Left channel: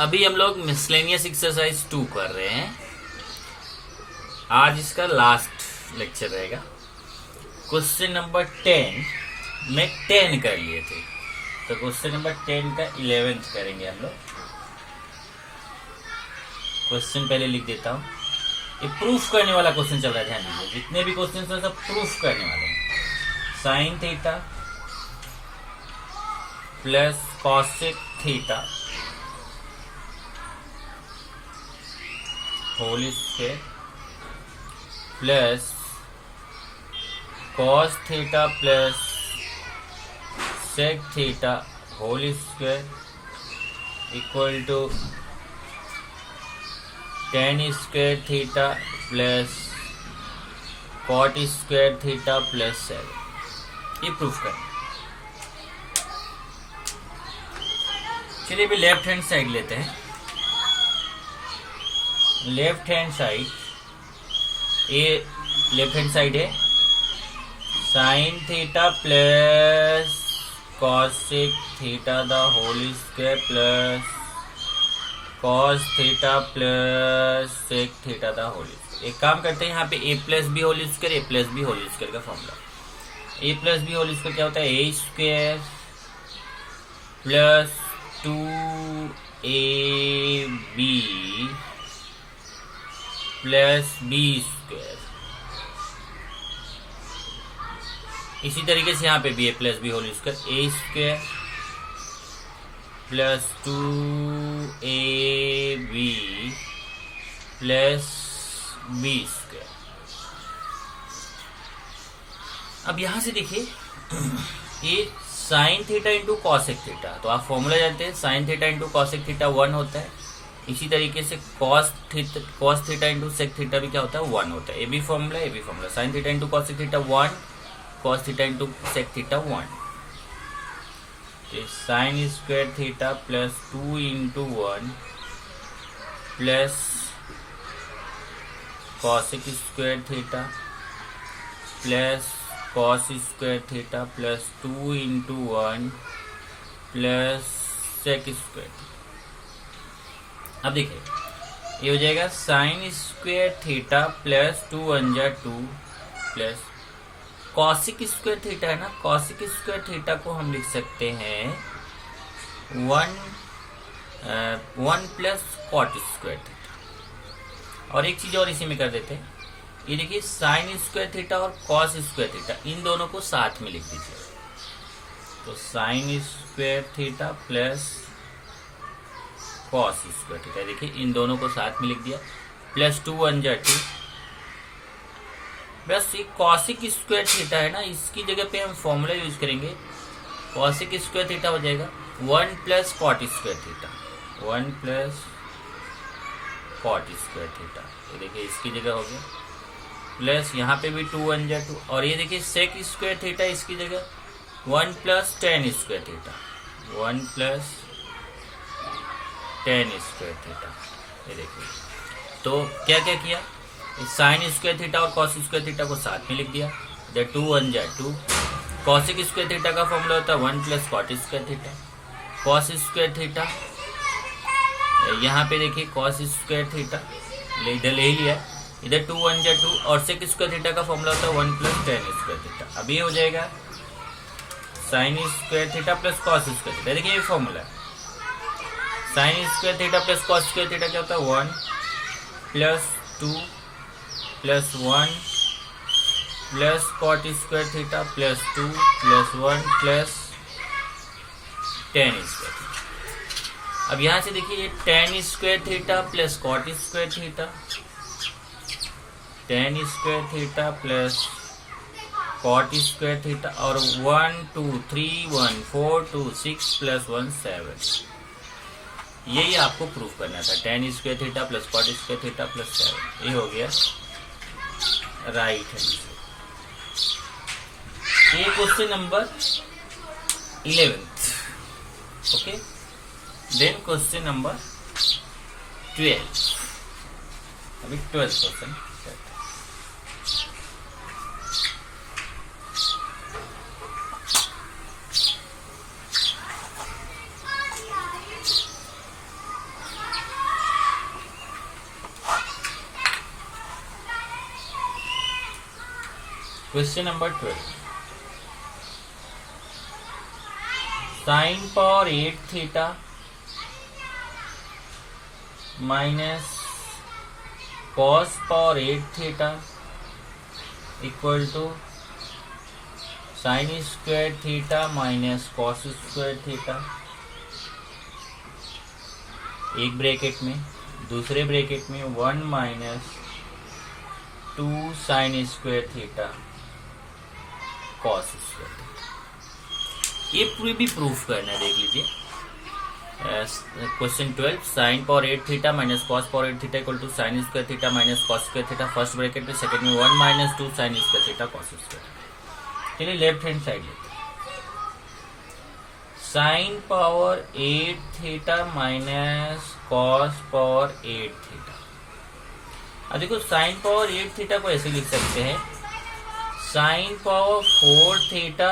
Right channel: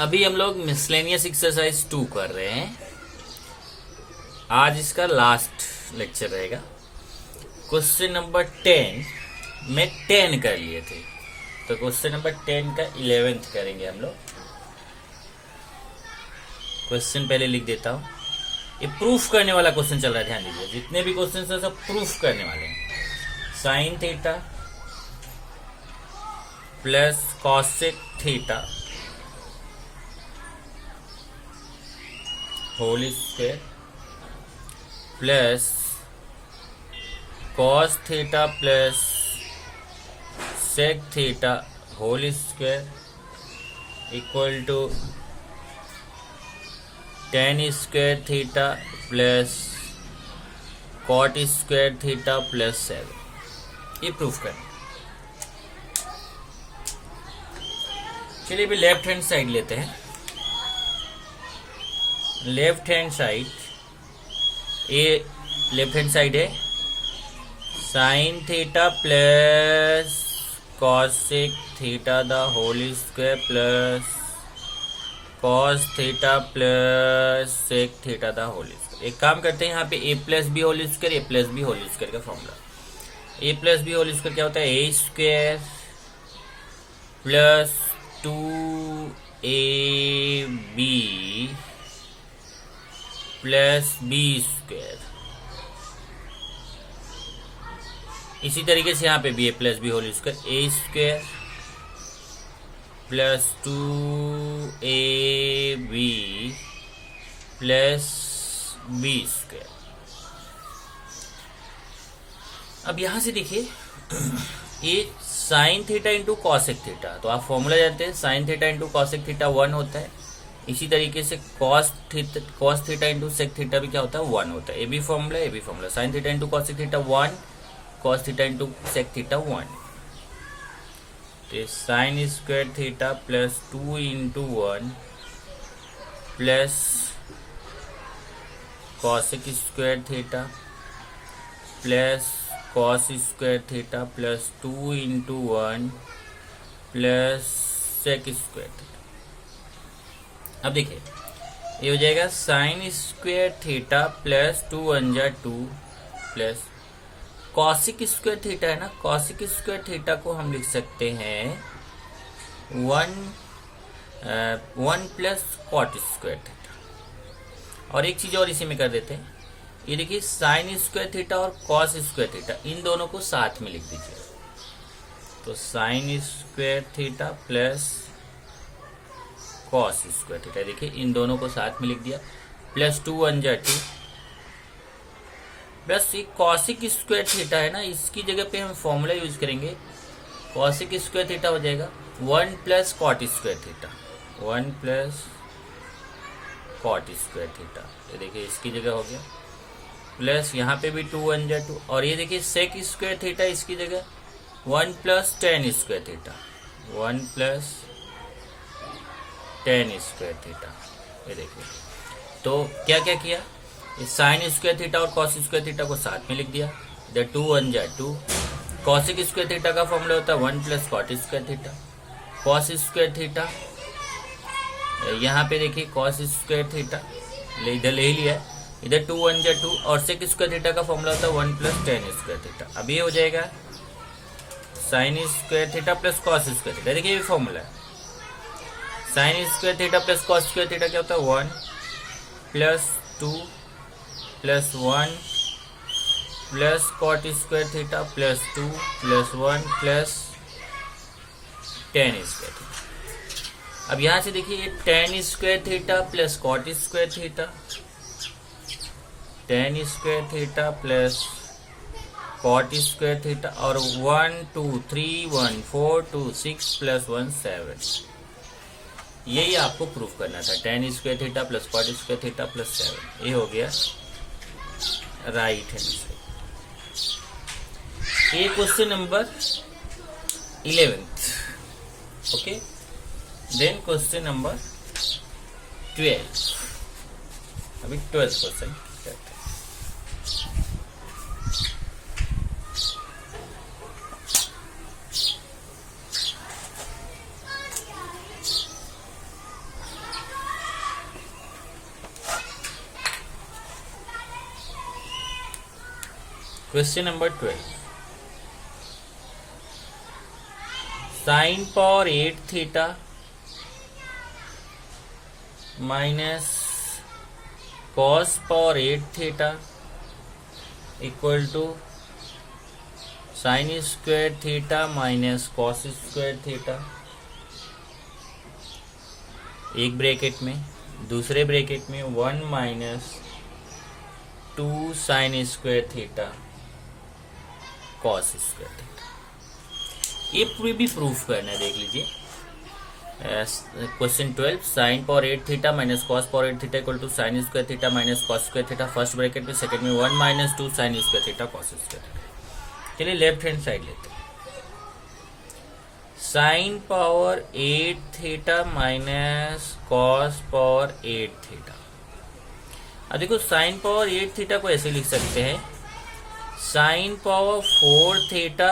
अभी हम लोग मिसलेनियस एक्सरसाइज 2 कर रहे हैं। आज इसका लास्ट लेक्चर रहेगा। क्वेश्चन नंबर 10 में 10 कर लिए थे, तो क्वेश्चन नंबर 10 का 11th करेंगे हम लोग। क्वेश्चन पहले लिख देता हूं। ये प्रूफ करने वाला क्वेश्चन चल रहा है, ध्यान दीजिए। जितने भी क्वेश्चन है सब प्रूफ करने वाले हैं। Sine theta plus cosec theta whole square plus cos theta plus sec theta whole square equal to tan square theta plus cot square theta plus 7। ये प्रूफ करें। चलिए अभी लेफ्ट हैंड साइड लेते हैं। लेफ्ट हैंड साइड, ये left hand side है sine theta plus cosec theta the whole square plus cos theta plus sec theta the whole square. एक काम करते हैं, यहाँ पे a plus B whole square, A plus B whole square का formula. ए plus B whole square क्या होता है? A square plus 2ab plus B square. इसी तरीके से यहाँ पे भी a plus B whole square, a square plus 2ab plus B square. अब यहां से देखिए, ये sine theta into cosec theta, तो आप फॉर्मूला जानते हैं, sine theta into cosec theta 1 होता है। इसी तरीके से cos theta into sec theta भी क्या होता है? 1 होता है। ए भी फॉर्मूला, ए भी formula. Sine theta into cosec theta 1, cos theta into sec theta 1। Sine square theta plus 2 into 1 plus cosec square theta plus cos square theta plus 2 into 1 plus sec square theta. अब देखिए, ये हो जाएगा sine square theta plus 2 1 जा 2 plus cosec square theta है ना, cosec square theta को हम लिख सकते हैं 1 प्लस कॉट स्क्वायर थीटा। और एक चीज और इसी में कर देते हैं, ये देखिए साइन स्क्वायर थीटा और कॉस स्क्वायर थीटा, इन दोनों को साथ में लिख दीजिए। तो sine square theta plus cos square theta, देखिए इन दोनों को साथ में लिख दिया, प्लस 2 1 जा 2। बस ये कॉसिक स्क्वायर थीटा है ना, इसकी जगह पे हम फॉर्मूला यूज करेंगे। कॉसिक स्क्वायर थीटा हो जाएगा 1 plus cot square theta, 1 plus cot square theta. ये देखिए इसकी जगह हो गया, प्लस यहाँ पे भी 2 1 जा 2। और ये देखिए सेक स्क्वायर थीटा, इसकी जगह 1 plus tan square theta, 1 plus tan square theta. ये देखिए, तो क्या क्या किया, साइन स्क्वायर थीटा और कॉस स्क्वायर थीटा को साथ में लिख दिया। इधर 2 1 जा 2। कॉसिक स्क्वायर थीटा का फॉर्मूला होता है 1 plus cot square theta. Cos square theta, यहाँ पे देखिए कॉस स्क्वायर थीटा इधर ले लिया, इधर 2 1 जा 2। और सेक स्क्वायर थीटा का फॉर्मूला होता है 1 प्लस टेन स्क्वायर थीटा। अब ये हो जाएगा sine square theta plus cos square theta. देखिए ये फॉर्मूला है, sine square theta plus cos square theta क्या होता है? 1 plus 2 plus 1 plus cot square theta plus 2 plus 1 plus tan square theta. अब यहां से देखिए, ये tan square theta plus cot square theta, tan square theta plus cot square theta, और 1 2 3 1 4 2 6 plus 1 7। यही आपको प्रूफ करना था, tan square theta plus cot square theta plus 7। ये हो गया राइट हैंड साइड। ये question number 11th। Okay, then question number 12। अभी 12th question. Question number 12, sine power 8 theta minus cos power 8 theta equal to sine square theta minus cos square theta, एक bracket में, दूसरे bracket में 1 minus 2 sine square theta cos square theta. ये पूरी भी proof करना है, देख लीजिए। Question 12, sine power 8 theta minus cos power 8 theta equal to sine square theta minus cos square theta, first bracket में, सेकंड में 1 minus 2 sine square theta cos square theta. चलिए लेफ्ट हैंड साइड लेते हैं। Sine power 8 theta minus cos power 8 theta. अब देखो, sign power 8 theta को ऐसे लिख सकते हैं, sine power 4 theta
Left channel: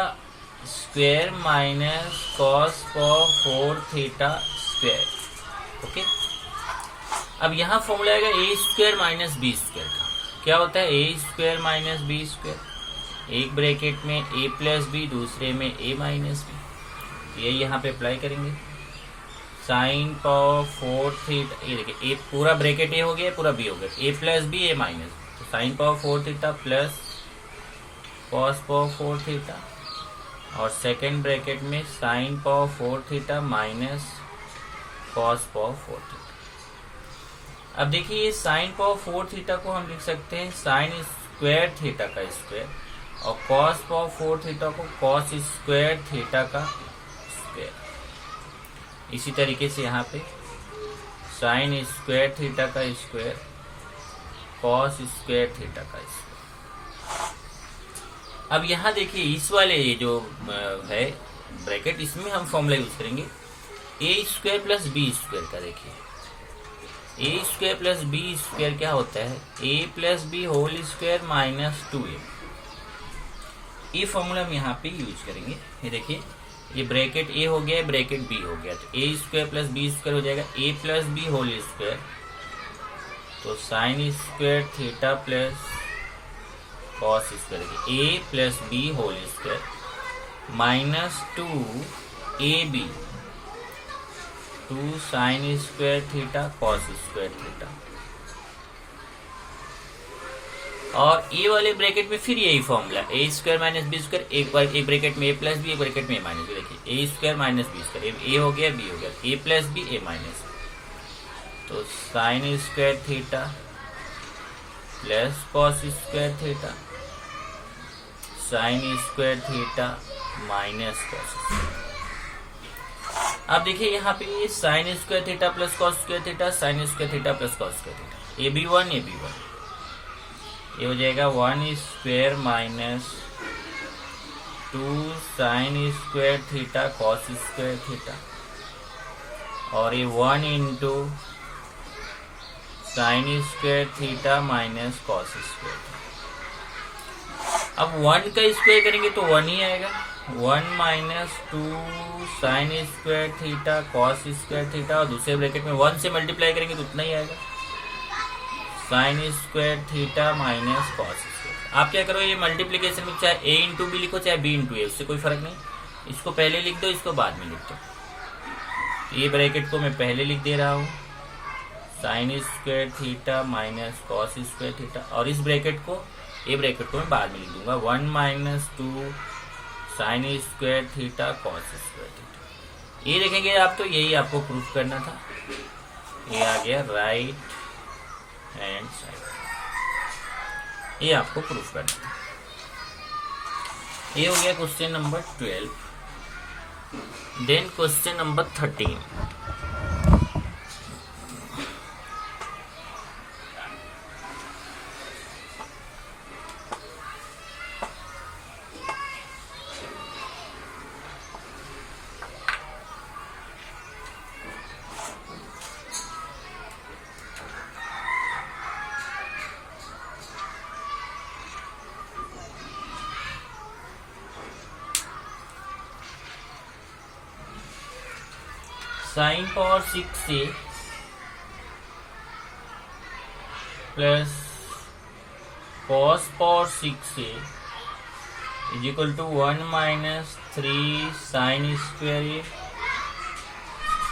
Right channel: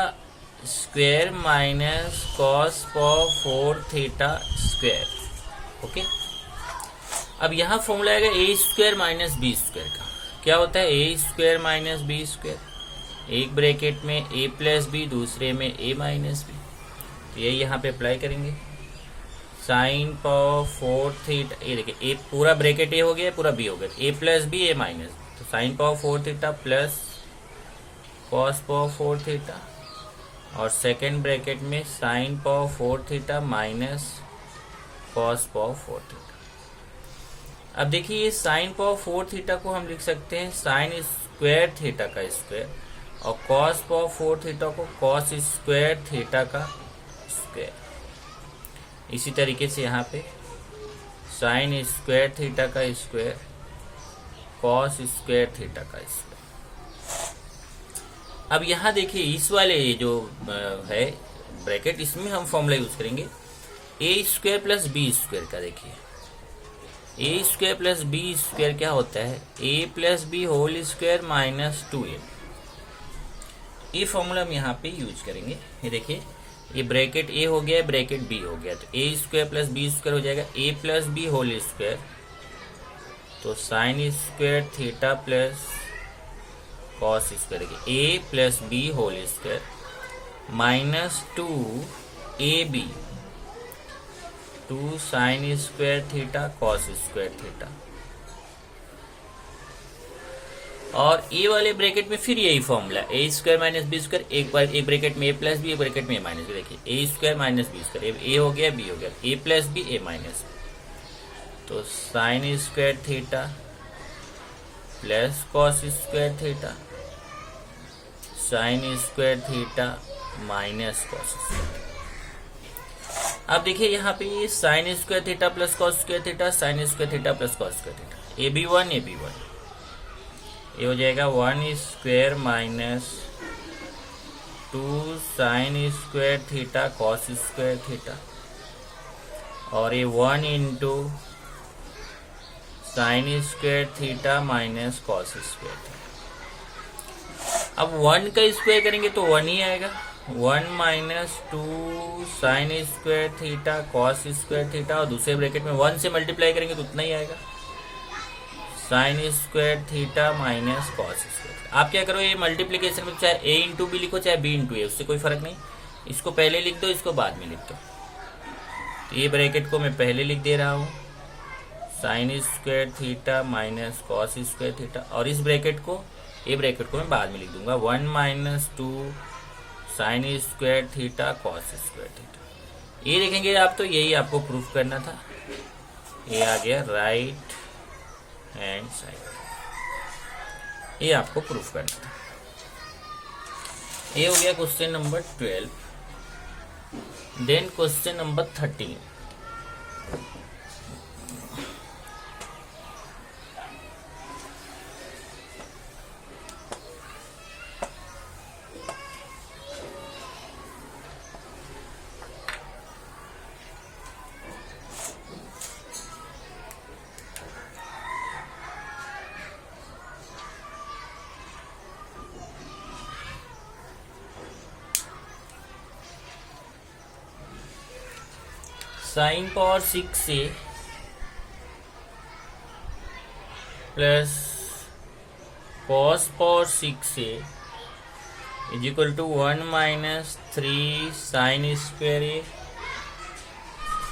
square minus cos power 4 theta square. Okay, अब यहां फॉर्मूला आएगा ए स्क्वायर माइनस बी स्क्वायर का। क्या होता है? A square minus B square, एक ब्रैकेट में ए प्लस बी, दूसरे में ए माइनस बी। ये यहाँ पे अप्लाई करेंगे। साइन पावर 4 थीटा, ये देखिए, ए पूरा ब्रैकेट ए हो गया, पूरा बी हो गया, ए प्लस बी ए माइनस, तो sign power 4 theta plus cos power 4 theta, और सेकेंड ब्रैकेट में sign power 4 theta minus cos power 4 theta. अब देखिए, ये साइन पावर 4 थीटा को हम लिख सकते हैं साइन स्क्वायर थीटा का स्क्वायर, और कॉस पावर 4 थीटा को कॉस स्क्वायर थीटा का स्क्वायर। इसी तरीके से यहाँ पे साइन स्क्वायर थीटा का स्क्वायर, कॉस स्क्वायर थीटा का स्क्वायर। अब यहाँ देखिए, इस वाले जो है ब्रैकेट, इसमें हम फॉर्मूला यूज करेंगे a square plus B square का। देखिए, a square plus B square क्या होता है? A plus B whole square minus 2a। ये फॉर्मूला हम यहाँ पे यूज करेंगे। ये देखिए, ये ब्रैकेट ए हो गया, ब्रैकेट बी हो गया, तो a square plus B square हो जाएगा a plus B whole square, तो sine square theta plus cos square, ए plus B whole square minus 2ab, 2 sine square theta cos square theta. और a वाले bracket में फिर यही formula, a square minus B square, एक bracket में a plus b, एक bracket में a minus b. देखिए, a square minus B square, a हो गया, बी हो गया, ए प्लस बी ए माइनस, तो sine square theta plus cos square theta, sine square theta minus cos square. अब देखिए, यहाँ पे ये sine square theta plus cos square theta, sine square theta plus cos square theta, A B one, ये हो जाएगा 1 square minus 2 sine square theta cos square theta, और ये 1 into sine square theta minus cos square theta. अब 1 का square करेंगे तो 1 ही आएगा, 1 minus 2 sine square theta cos square theta, और दूसरे ब्रैकेट में 1 से मल्टीप्लाई करेंगे तो उतना ही आएगा, sign square theta minus cos square. आप क्या करो, ये मल्टीप्लीकेशन में चाहे ए इंटू बी लिखो चाहे बी इंटू ए, उससे कोई फर्क नहीं, इसको पहले लिख दो, इसको बाद में लिख दो। तो ये ब्रैकेट को मैं पहले लिख दे रहा हूँ, sign square theta minus cos square theta, और इस ब्रैकेट को, ये ब्रैकेट को मैं बाद में लिख दूंगा, 1 minus 2 sine square theta cos square theta. ये देखेंगे आप, तो यही आपको प्रूफ करना था। ये आ गया राइट हैंड साइड, ये आपको प्रूफ करना था। ये हो गया question number 12। Then question number 13। Sine power 6a plus cos power 6a is equal to 1 minus 3 sine square A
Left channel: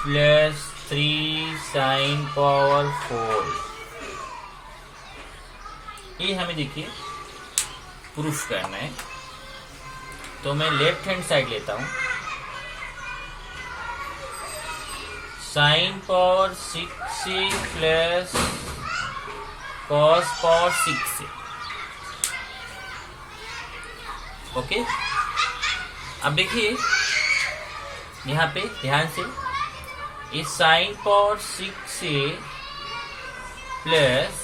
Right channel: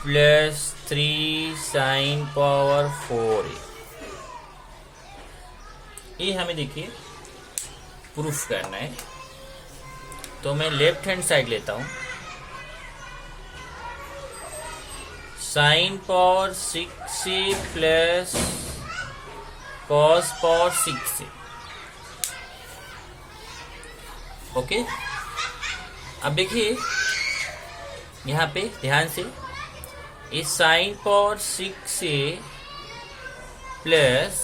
plus 3 sine power 4 A. ये हमें देखिए प्रूफ करना है, तो मैं लेफ्ट हैंड साइड लेता हूं। Sign power 6 plus cos power 6। Okay, अब देखिए यहाँ पे ध्यान से, इस साइन पावर 6 प्लस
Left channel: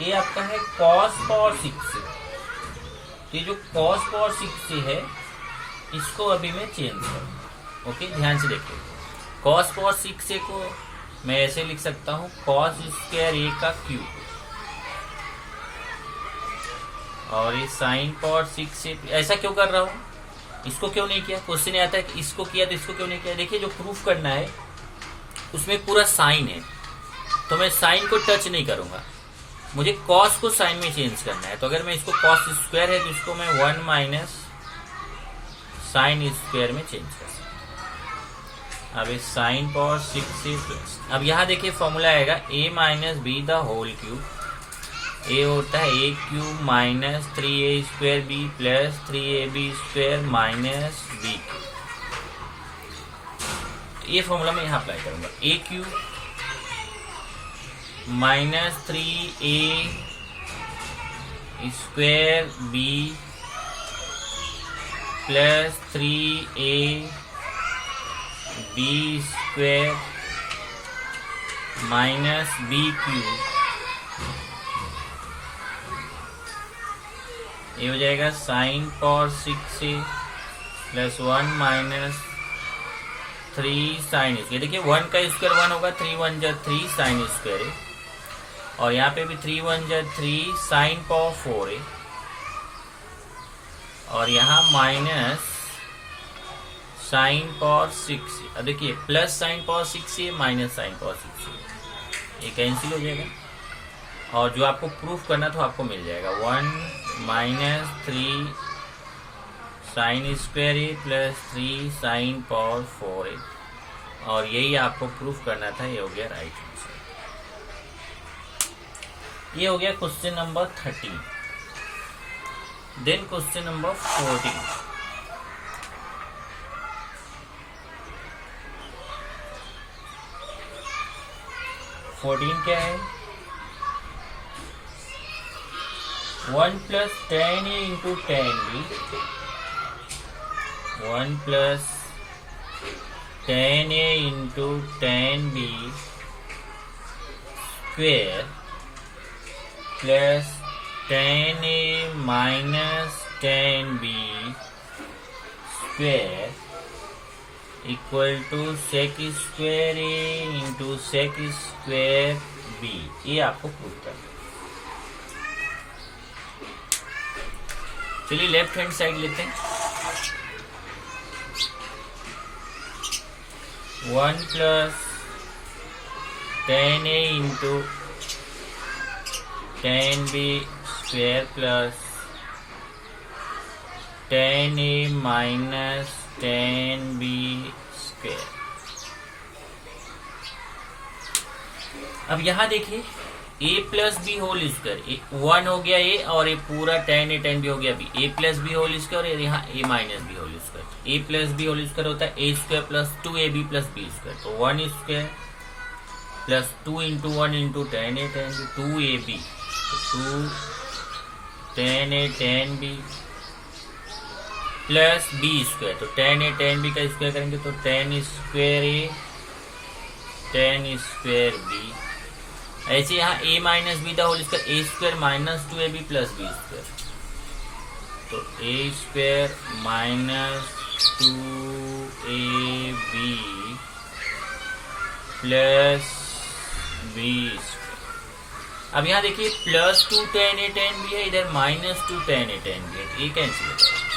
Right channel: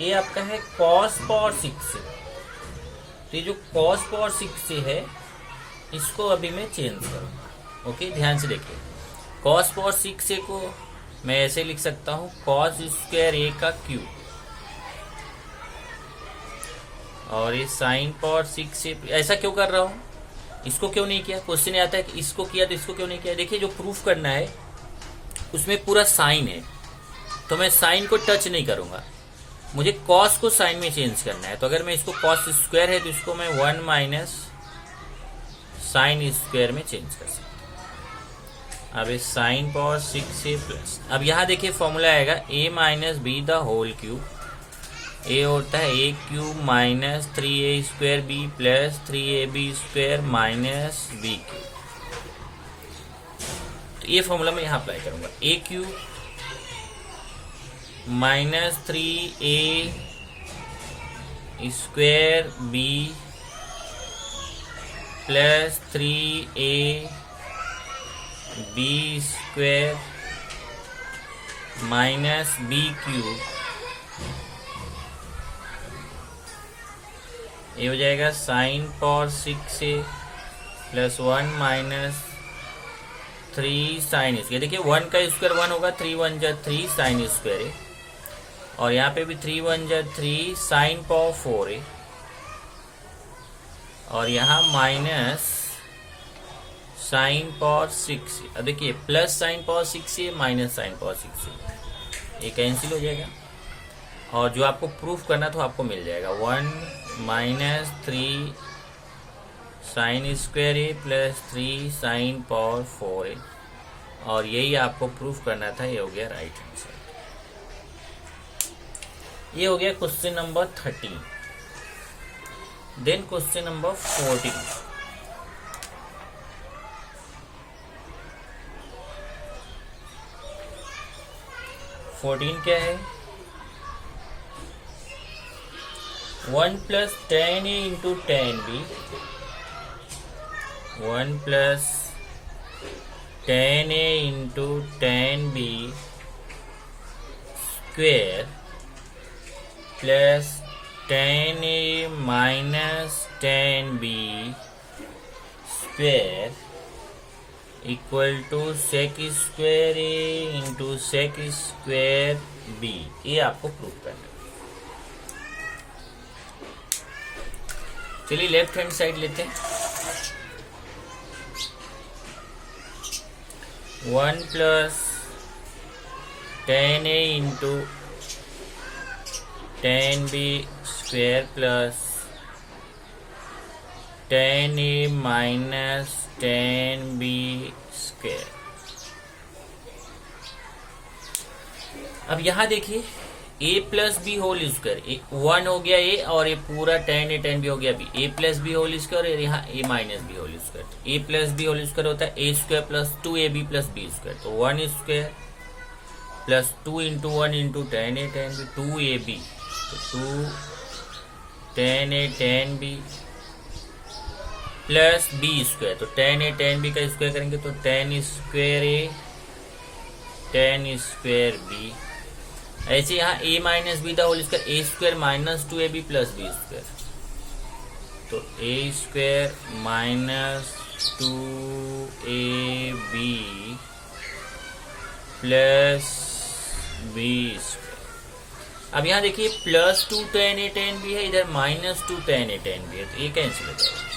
ये आपका है कॉस पावर 6। तो ये जो कॉस पावर 6 है इसको अभी मैं चेंज करूँ। ओके, ध्यान से देखिए, कॉस पावर 6 को मैं ऐसे लिख सकता हूँ कॉस स्क्वायर ए का क्यूब, और ये साइन पावर 6 ऐसा क्यों कर रहा हूँ, इसको क्यों नहीं किया। क्वेश्चन आता है कि इसको किया तो इसको क्यों नहीं किया। देखिए जो प्रूफ करना है उसमें पूरा साइन है, तो मैं साइन को टच नहीं करूंगा, मुझे कॉस को साइन में चेंज करना है। तो अगर मैं इसको कॉस स्क्वायर है तो इसको मैं 1 माइनस साइन स्क्वायर में चेंज कर सकता हूँ। अब इस साइन पावर 6 प्लस, अब यहाँ देखिए फॉर्मूला आएगा a minus B the whole cube. A होता है a cube minus 3a square b plus 3ab square minus b cube. तो ये फॉर्मूला मैं यहाँ अप्लाई करूंगा, a cube minus 3a square b plus 3a b square minus b cube. ये हो जाएगा sine power 6 plus 1 minus 3 sine square. देखिए 1 का स्क्वायर 1 होगा, 3 1 जा 3 साइन स्क्वायर है, और यहाँ पे भी 3 1 जा 3 साइन पावर 4 है, और यहाँ माइनस साइन पावर 6 है। अब देखिए प्लस साइन पावर 6 है माइनस साइन पावर 6 है, ये कैंसिल हो जाएगा, और जो आपको प्रूफ करना था आपको मिल जाएगा 1 माइनस 3 साइन स्क्वायर है प्लस 3 साइन पावर 4 है, और यही आपको प्रूफ करना था। ये हो गया राइट आंसर। ये हो गया question number 13। Then question number 14। क्या है, 1 plus 10a into 10b, 1 plus 10a into 10b square plus 10a minus 10b square equal to sec square A into sec square B. ये आपको प्रूव करना है। चलिए लेफ्ट हैंड साइड लेते हैं, 1 plus 10a into 10b square plus 10a minus 10b square. अब यहाँ देखिए a plus B whole square, 1 हो गया a, और ये पूरा 10a 10b हो गया b, a plus B whole square, और यहाँ a minus B whole square. a plus B whole square होता है a square plus 2ab plus b square, तो 1 square plus 2 into 1 into 10a 10b 2ab, तो 2 10a 10b plus B square, तो 10a 10b का square करेंगे तो 10 square a 10 square b। ऐसे यहाँ a minus B the whole square, a square minus 2ab plus B square, तो a square minus 2ab plus B square. अब यहाँ देखिए प्लस 2 10a 10b है, इधर माइनस 2 10a 10b है, तो ये कैंसिल हो जाएगा।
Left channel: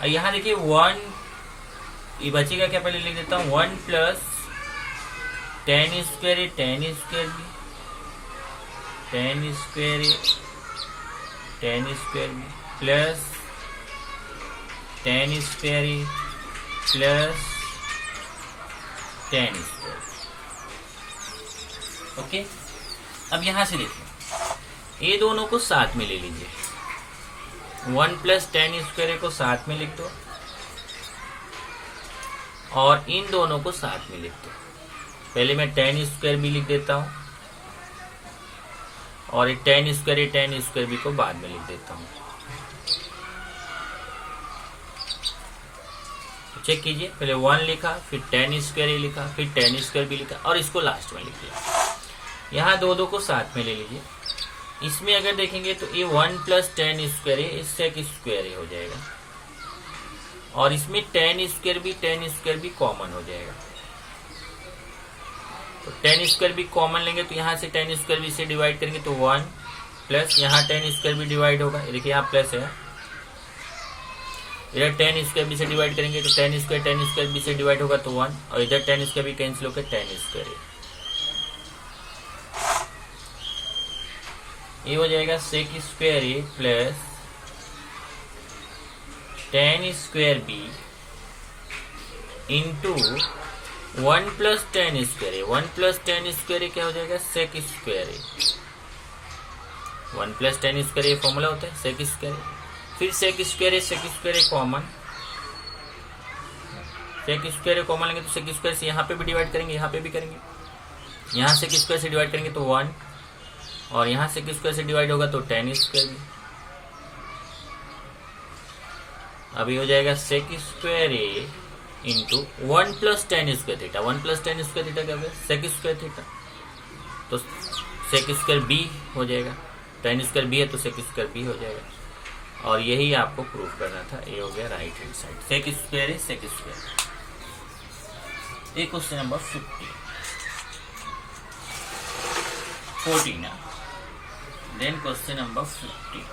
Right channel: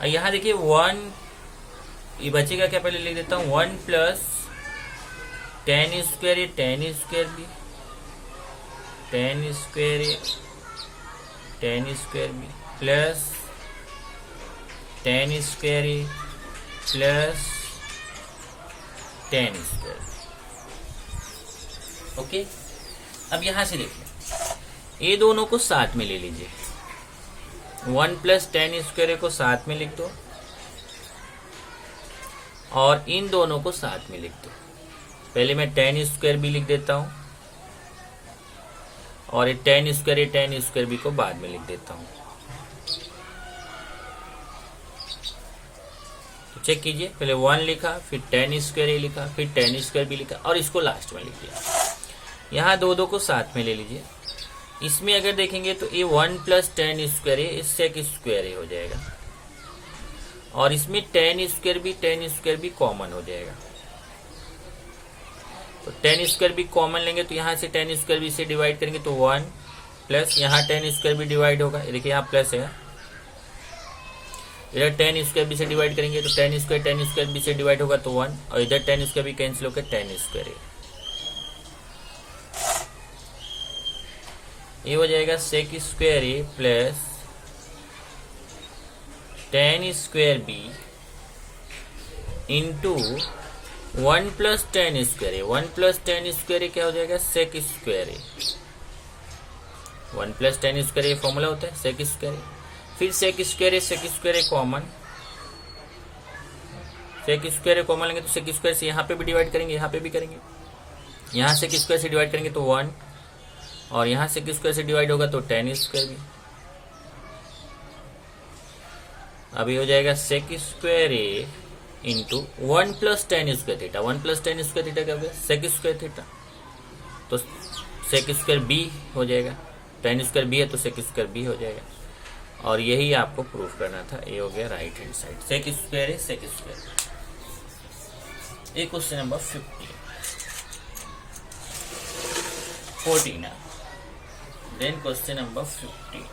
अब यहाँ देखिए 1, ये बचेगा क्या, पहले लिख देता हूँ 1 प्लस 10 स्क्वायर है 10 स्क्वायर भी, 10 स्क्वायर है 10 स्क्वायर भी, प्लस टेन स्क्वायर ए प्लस टेन स्क्वायर। ओके, अब यहां से देखिए, ये दोनों को साथ में ले लीजिए, 1 प्लस टेन स्क्वायर ए को साथ में लिख दो और इन दोनों को साथ में लिख दो। पहले मैं टेन स्क्वायर बी लिख देता हूं और ये टेन स्क्वायर बी को बाद में लिख देता हूं। तो चेक कीजिए, पहले 1 लिखा, फिर टेन स्क्वायर ए लिखा, फिर टेन स्क्वायर बी लिखा और इसको लास्ट में लिख दिया। यहाँ दो को साथ में ले लीजिए। इसमें अगर देखेंगे तो ये 1 plus tan square a sec square a हो जाएगा और इसमें टेन स्क्वायर भी कॉमन हो जाएगा। तो टेन स्क्वायर भी कॉमन लेंगे तो यहाँ से टेन स्क्वायर बी से डिवाइड करेंगे तो 1 प्लस यहाँ टेन स्क्वायर बी डिवाइड होगा, ये देखिए यहाँ प्लस है, इधर टेन स्क्वायर बी से डिवाइड करेंगे तो टेन स्क्वायर बी से डिवाइड होगा तो 1 और इधर टेन स्क्वायर बी कैंसिल होकर टेन स्क्वायर ए, ये हो जाएगा sec square A plus tan square b into 1 plus tan square a. 1 plus tan square a क्या हो जाएगा, sec square a. 1 plus tan square a formula होता है sec square a, फिर सेक स्क्वायर ए common, सेक square ए common लेंगे तो sec square से यहाँ पे भी डिवाइड करेंगे, यहाँ पे भी करेंगे, यहाँ सेक स्क्वायर से डिवाइड करेंगे तो 1 और यहाँ सेक स्क्वायर से डिवाइड होगा तो टेन स्क्वायर बी। अभी हो जाएगा sec square a into 1 plus tan square theta. 1 plus tan square theta क्या होगा, सेक स्क्वायर थीटा, तो सेक स्क्वायर बी हो जाएगा, टेन स्क्वायर बी है तो सेक स्क्वायर बी हो जाएगा। और यही आपको प्रूफ करना था, ये हो गया right hand side, sec square a sec square. ये question number 14 then question number 15।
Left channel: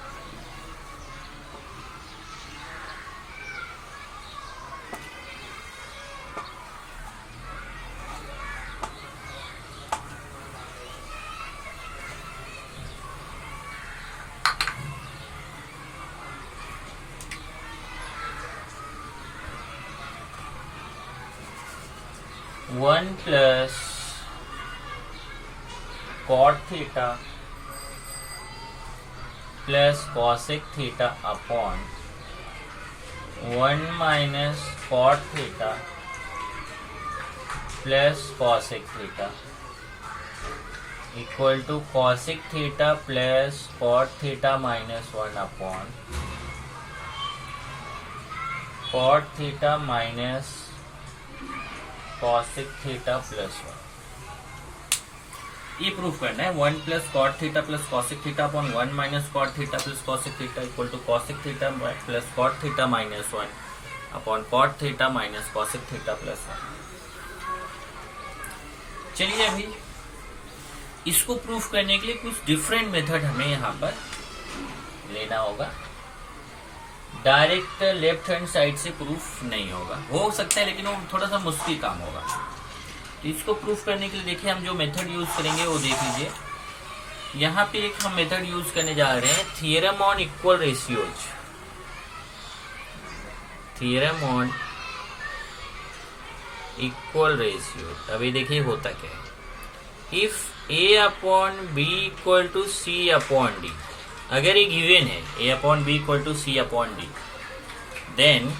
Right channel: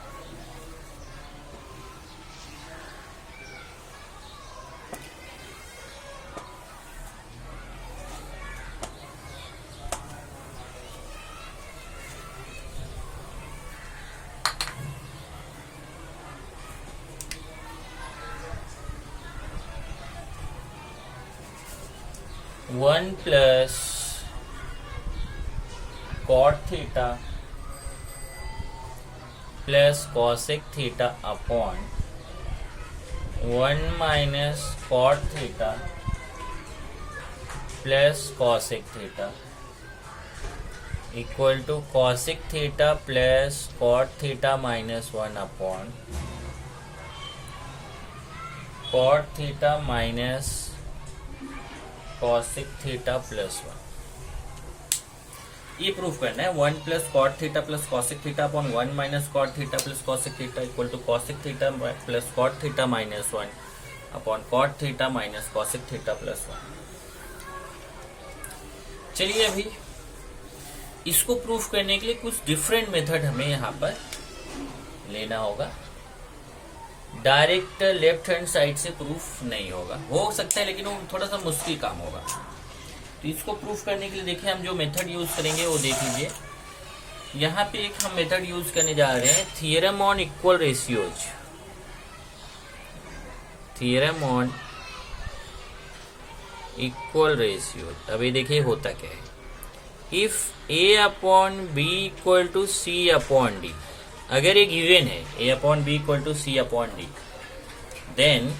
One plus cot theta plus cosec theta upon 1 minus cot theta plus cosec theta equal to cosec theta plus cot theta minus 1 upon cot theta minus cosec theta plus 1। ये proof करना है, 1 plus cot theta plus cosec theta upon 1 minus cot theta plus cosec theta equal to cosec theta plus cot theta minus 1 upon cot theta minus cosec theta plus 1। चलिए अभी इसको proof करने के लिए कुछ डिफरेंट मेथड हमें यहाँ पर लेना होगा। डायरेक्ट लेफ्ट हैंड साइड से प्रूफ नहीं होगा, हो सकता है लेकिन वो थोड़ा सा मुश्किल काम होगा। तो इसको प्रूफ करने के लिए देखिए हम जो मेथड यूज करेंगे वो देख लीजिए। यहाँ पे एक हम मेथड यूज करने जा रहे हैं, theorem on equal ratios. Theorem on equal ratios. अभी देखिए होता क्या है, if a upon b equal to c upon d, अगर ये गिवन है a upon b equal to c upon d, then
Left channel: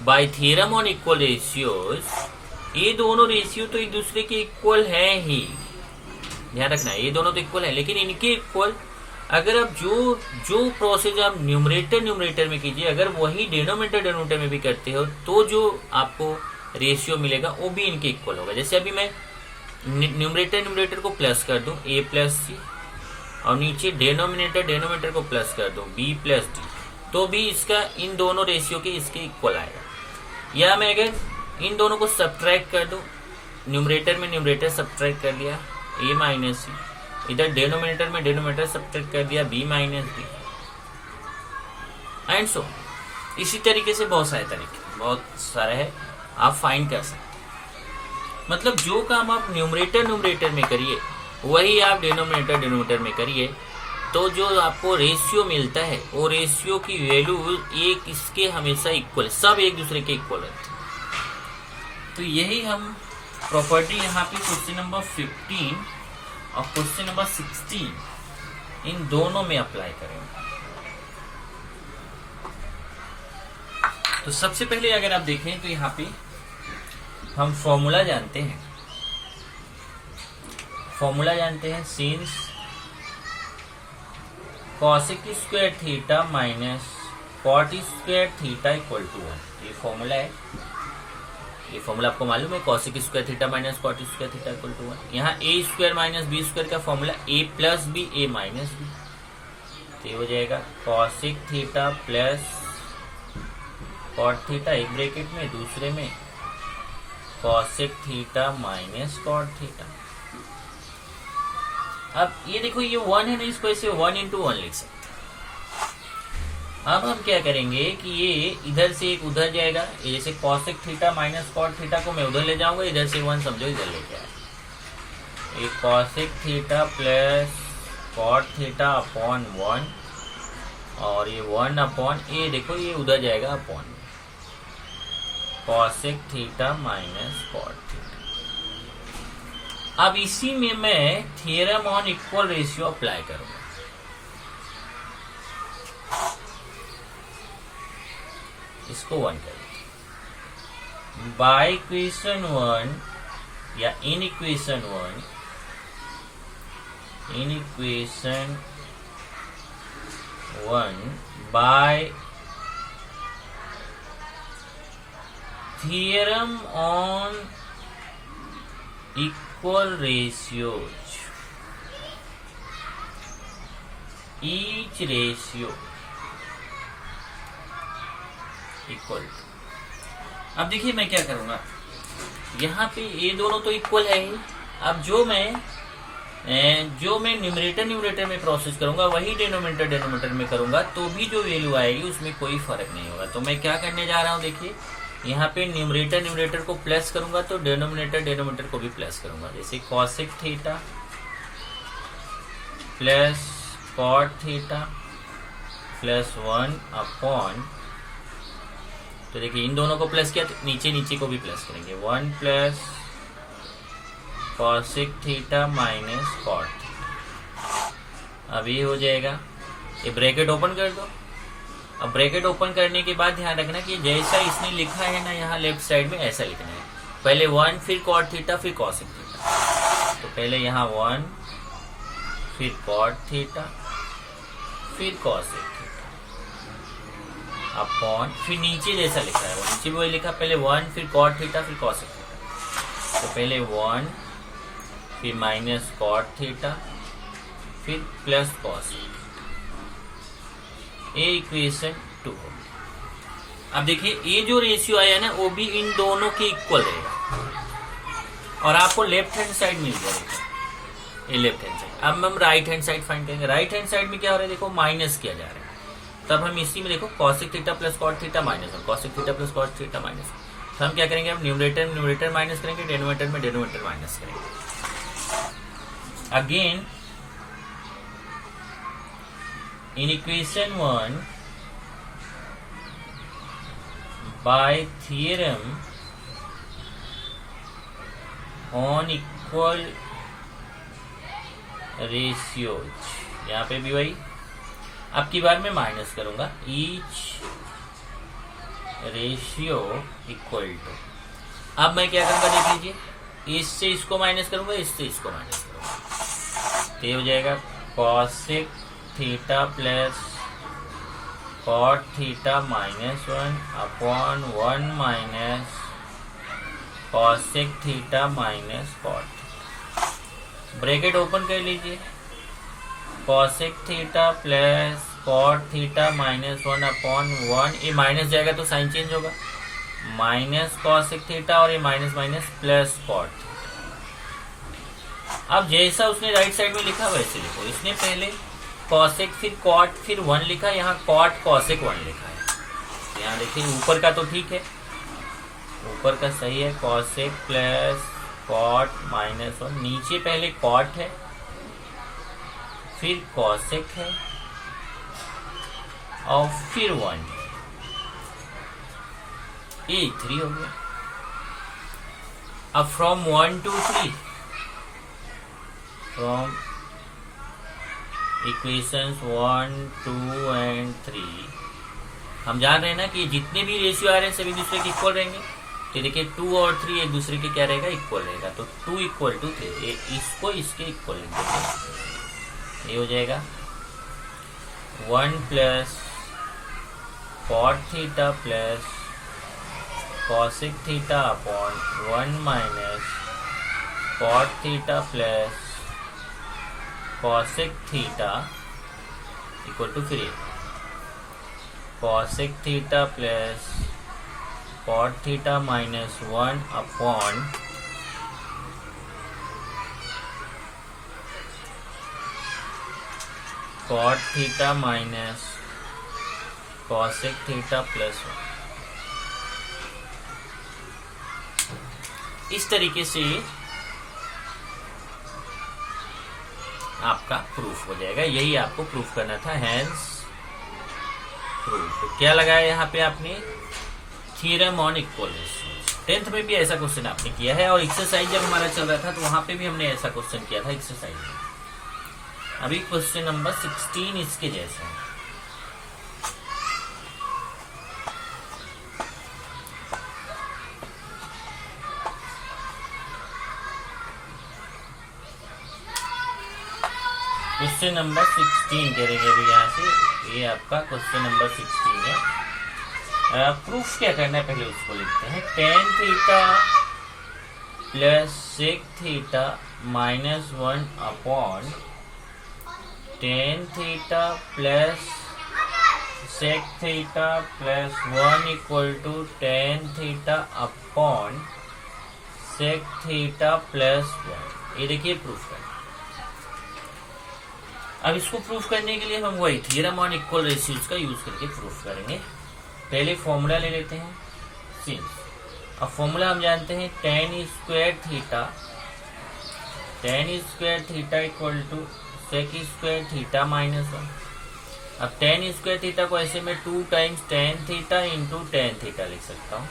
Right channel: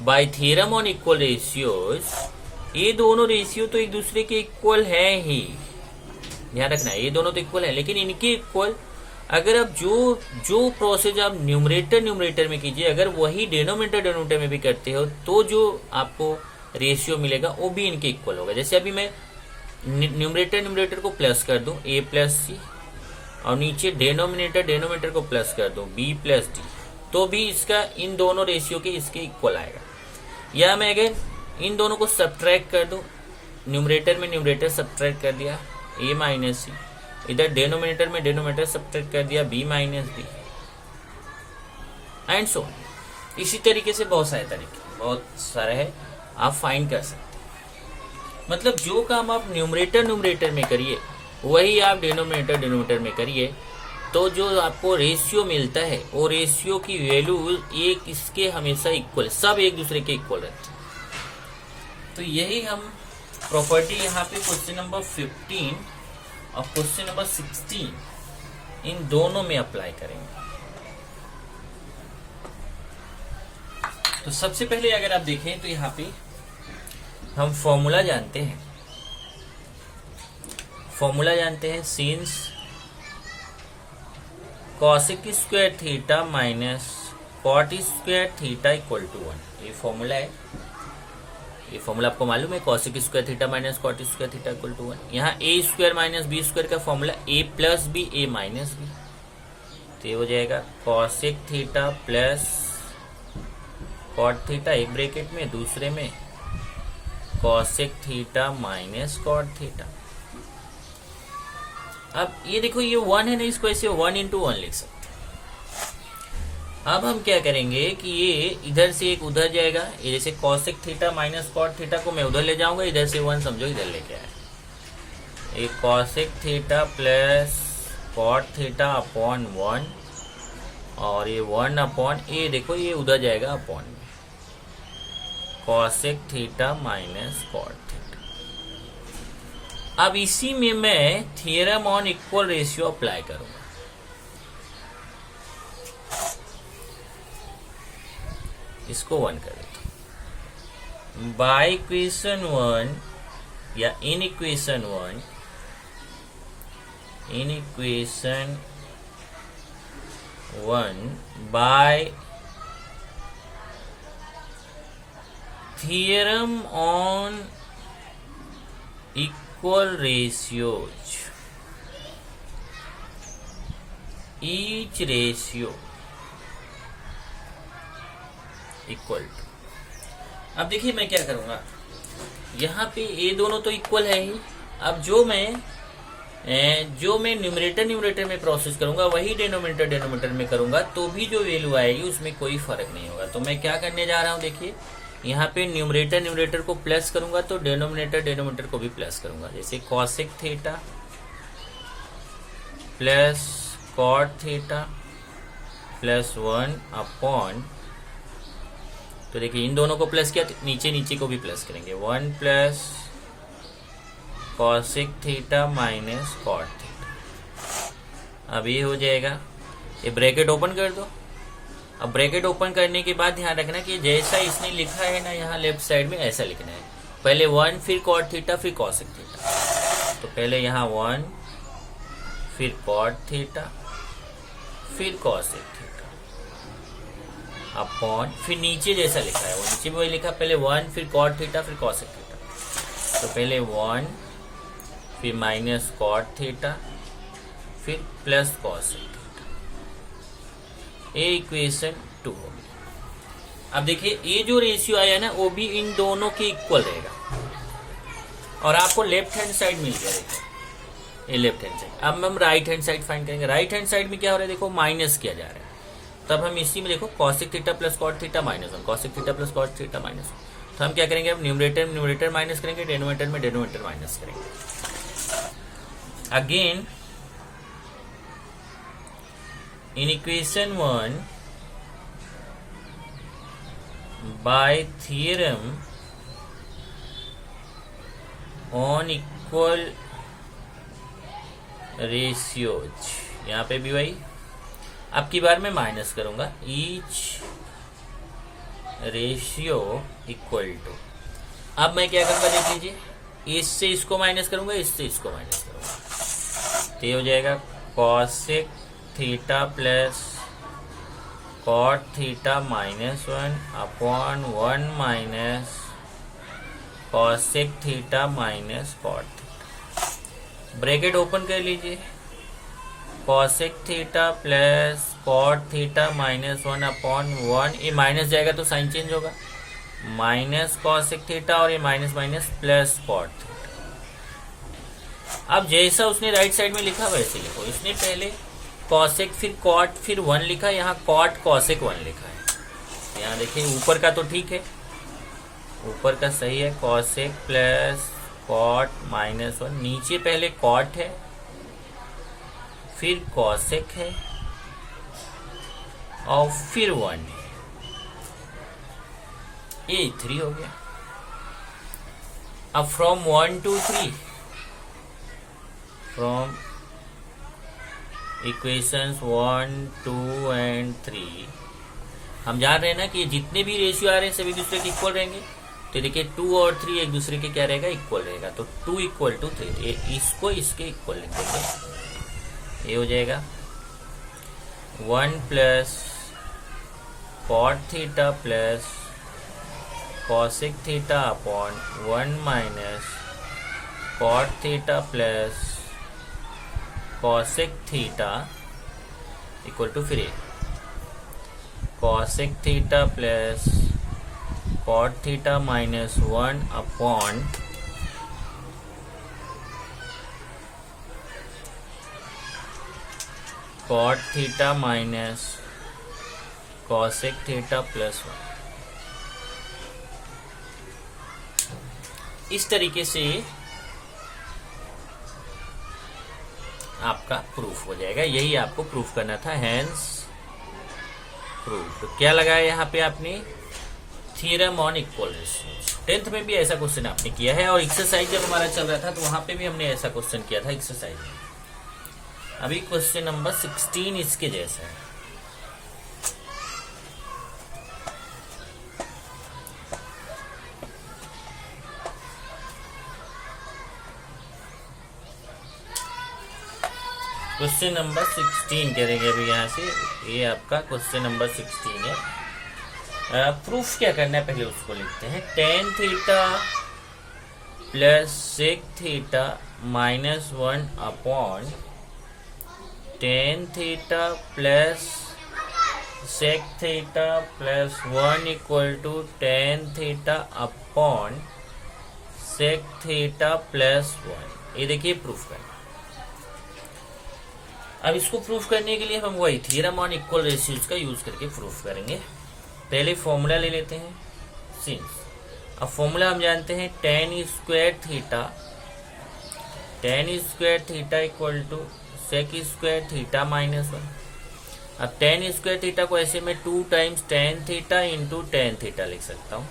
by theorem on equal ratios, ये दोनों रेशियो तो एक दूसरे के इक्वल है ही, ध्यान रखना ये दोनों तो इक्वल है, लेकिन इनके इक्वल अगर आप जो प्रोसेस आप न्यूमरेटर में कीजिए, अगर वही डिनोमिनेटर में भी करते हो तो जो आपको रेशियो मिलेगा वो भी इनके इक्वल होगा। जैसे अभी मैं न्यूमरेटर को प्लस कर दूं ए प्लस सी और नीचे डेनोमिनेटर को प्लस कर दूं बी प्लस डी, तो भी इसका इन दोनों रेशियो के इसके इक्वल आएगा। या मैं अगर इन दोनों को सब्ट्रैक्ट कर दूं, न्यूमरेटर में न्यूमरेटर सब्ट्रैक्ट कर दिया ए माइनस सी, इधर डेनोमिनेटर में डेनोमिनेटर सब्ट्रैक्ट कर दिया B minus D, and so इसी तरीके से बहुत सारे है आप फाइंड कर सकते हैं। मतलब जो काम आप न्यूमरेटर में करिए वही आप डिनोमिनेटर में करिए तो जो आपको रेशियो मिलता है वो रेशियो की वैल्यू एक इसके हमेशा इक्वल, सब एक दूसरे के इक्वल रहते हैं। तो यही हम प्रॉपर्टी यहाँ पे क्वेश्चन नंबर 15 और क्वेश्चन नंबर 16 इन दोनों में अप्लाई करेंगे। तो सबसे पहले अगर आप देखें तो यहाँ पे हम फॉर्मूला जानते हैं, since cosec square theta minus cot square theta equal to 1। ये फॉर्मूला है, ये फॉर्मूला आपको मालूम है, cosec square theta minus cot square theta equal to 1। यहाँ A square minus B square का फॉर्मूला ए प्लस बी ए माइनस बी, तो ये हो जाएगा cosec theta plus cot theta, एक ब्रैकेट में, दूसरे में cosec theta minus cot theta. अब ये देखो ये 1 है ना, इसको ऐसे 1 into 1 लिख सकते हैं। अब हम क्या करेंगे कि ये इधर से एक उधर जाएगा, ये जैसे cosec theta minus cot theta को मैं उधर ले जाऊंगा, इधर से 1 समझो इधर लेके आए। एक cosec theta plus cot theta upon 1, और ये 1 अपॉन ये देखो ये उधर जाएगा upon cosec theta minus cot theta. अब इसी में मैं theorem on equal ratio apply करूंगा। इसको 1 कर देते बाय इक्वेशन 1 या in equation 1 by theorem on equal ratios, each ratio equal to। अब देखिए मैं क्या करूंगा, यहाँ पे ये दोनों तो इक्वल है ही। अब जो मैं न्यूमरेटर में प्रोसेस करूंगा वही डिनोमिनेटर में करूंगा, तो भी जो वैल्यू आएगी उसमें कोई फर्क नहीं होगा। तो मैं क्या करने जा रहा हूँ, देखिए यहाँ पे न्यूमरेटर को प्लस करूंगा तो डिनोमिनेटर को भी प्लस करूंगा। जैसे cosec theta plus cot theta plus 1 upon, तो देखिए इन दोनों को प्लस किया तो नीचे को भी प्लस करेंगे, 1 plus cosec theta minus cot theta. अब ये हो जाएगा, ये ब्रैकेट ओपन कर दो। अब ब्रैकेट ओपन करने के बाद ध्यान रखना कि जैसा इसने लिखा है ना यहाँ लेफ्ट साइड में, ऐसा लिखना है। पहले 1 फिर कॉट थीटा फिर कॉसेक थीटा, तो पहले यहाँ 1 फिर कॉट थीटा फिर कॉसेक थीटा अपॉन, फिर नीचे जैसा लिखा है नीचे में वही लिखा, पहले 1 फिर कॉट थीटा फिर कॉसेक थीटा, तो पहले 1 फिर माइनस कॉट थीटा फिर प्लस कॉसेक, ये इक्वेशन 2 हो। अब देखिए ये जो रेशियो आया ना वो भी इन दोनों के इक्वल रहेगा, और आपको लेफ्ट हैंड साइड मिल जाएगा, ये लेफ्ट हैंड साइड। अब हम राइट हैंड साइड फाइंड करेंगे। राइट हैंड साइड में क्या हो रहा है, देखो माइनस किया जा रहा है। तब हम इसी में देखो cosec theta plus cot theta minus 1, cosec theta plus cot theta minus 1। तो हम क्या करेंगे, अब न्यूमरेटर माइनस करेंगे, डिनोमिनेटर माइनस करेंगे। Again in equation 1 by theorem on equal ratios, यहाँ पे भी वही, अब की बार मैं माइनस करूंगा, each ratio equal to। अब मैं क्या करूंगा देख लीजिए, इससे इसको माइनस करूंगा, इससे इसको माइनस करूंगा, तो ये हो जाएगा cosec theta plus cot theta minus 1 upon 1 minus cosec theta minus cot theta. Bracket open कर लीजिए, cosec theta plus cot theta minus 1 upon 1, ये माइनस जाएगा तो साइन चेंज होगा, माइनस कॉसेक थीटा और ये minus minus plus cot theta. अब जैसा उसने राइट साइड में लिखा वैसे लिखो। इसने पहले कॉसेक फिर कॉट फिर 1 लिखा, यहाँ कॉट कॉसेक 1 लिखा है। यहाँ देखिए ऊपर का तो ठीक है, ऊपर का सही है, कॉसेक प्लस कॉट माइनस 1। नीचे पहले कॉट है फिर कॉसेक है और फिर 1, ये 3 हो गया। अब from 1 to 3, from equations 1, 2 and 3 हम जान रहे हैं ना कि जितने भी रेशियो आ रहे हैं सभी दूसरे के इक्वल रहेंगे। तो देखिए 2 और 3 एक दूसरे के क्या रहेगा, इक्वल रहेगा। तो 2 = 3, इसको इसके इक्वल लिख देंगे। ये हो जाएगा 1 plus cot theta plus cosec theta upon 1 minus cot theta plus cosec theta equal to फिर cosec theta plus cot theta minus 1 upon cot theta minus cosec theta plus 1। इस तरीके से आपका प्रूफ हो जाएगा। यही आपको प्रूफ करना था, हैंस प्रूफ। तो क्या लगाया यहाँ पे आपने, theorem on equal ratios. 10th में भी ऐसा क्वेश्चन आपने किया है, और एक्सरसाइज जब हमारा चल रहा था तो वहां पे भी हमने ऐसा क्वेश्चन किया था एक्सरसाइज में। अभी क्वेश्चन नंबर 16 इसके जैसा है। क्वेश्चन नंबर 16 करेंगे अभी यहाँ से। ये आपका क्वेश्चन नंबर 16 है। प्रूफ क्या करना है पहले उसको लिखते हैं। tan theta plus sec theta minus 1 upon tan theta plus sec theta plus 1 equal to tan theta upon sec theta plus 1। ये देखिए प्रूफ करना। अब इसको प्रूफ करने के लिए हम वही थ्योरम ऑन इक्वल रेशियोज का यूज करके प्रूफ करेंगे। पहले फॉर्मूला ले लेते हैं सिंस। अब फॉर्मूला हम जानते हैं tan square theta equal to sec square theta minus 1। अब tan स्क्वायर थीटा को ऐसे में 2 times tan theta into tan theta लिख सकता हूँ,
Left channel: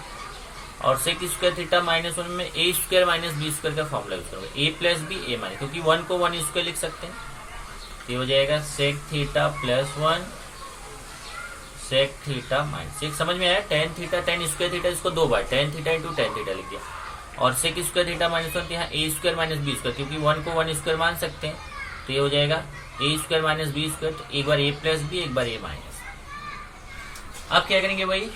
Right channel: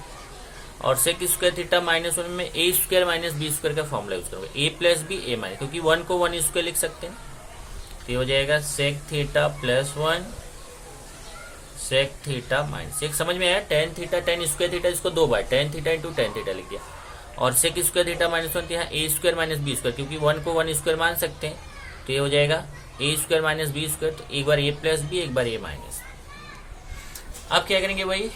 और sec स्क्वायर थीटा माइनस 1 में a square minus b square का फॉर्मूला यूज करूंगा, a plus b a minus, क्योंकि 1 को 1 स्क्वायर लिख सकते हैं। ये हो जाएगा sec theta plus 1 sec theta minus 1। समझ में आया। tan theta tan square theta इसको 2 बार tan theta into tan theta लिख दिया, और sec स्क्वायर थीटा माइनस 1 यहाँ a square minus b square, क्योंकि 1 को 1 स्क्वायर मान सकते हैं। तो ये हो जाएगा a square minus b square, तो एक बार a प्लस b एक बार a माइनस। अब क्या करेंगे भाई,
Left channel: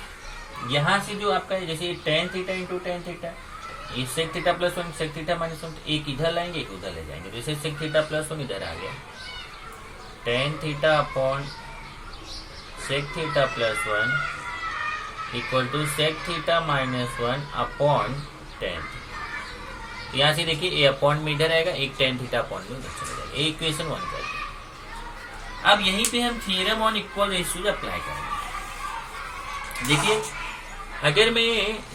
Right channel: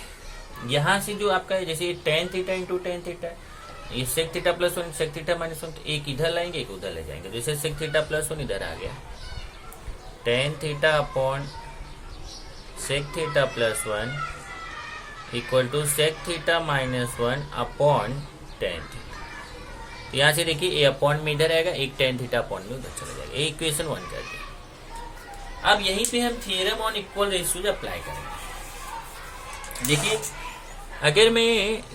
यहाँ से जो आपका जैसे tan theta into tan theta, ये sec theta plus 1 sec theta minus 1, एक इधर लाएंगे एक उधर ले जाएंगे। जैसे sec थीटा प्लस 1 इधर आ गया, tan theta upon sec theta plus 1 equal to sec theta minus 1 upon tan theta. यहाँ से देखिए ए अपॉन में इधर आएगा, एक tan थीटा अपॉन में उधर चला जाएगा। इक्वेशन 1 कर दिया। अब यहीं पे हम theorem on equal ratios apply करेंगे। देखिए अगर मैं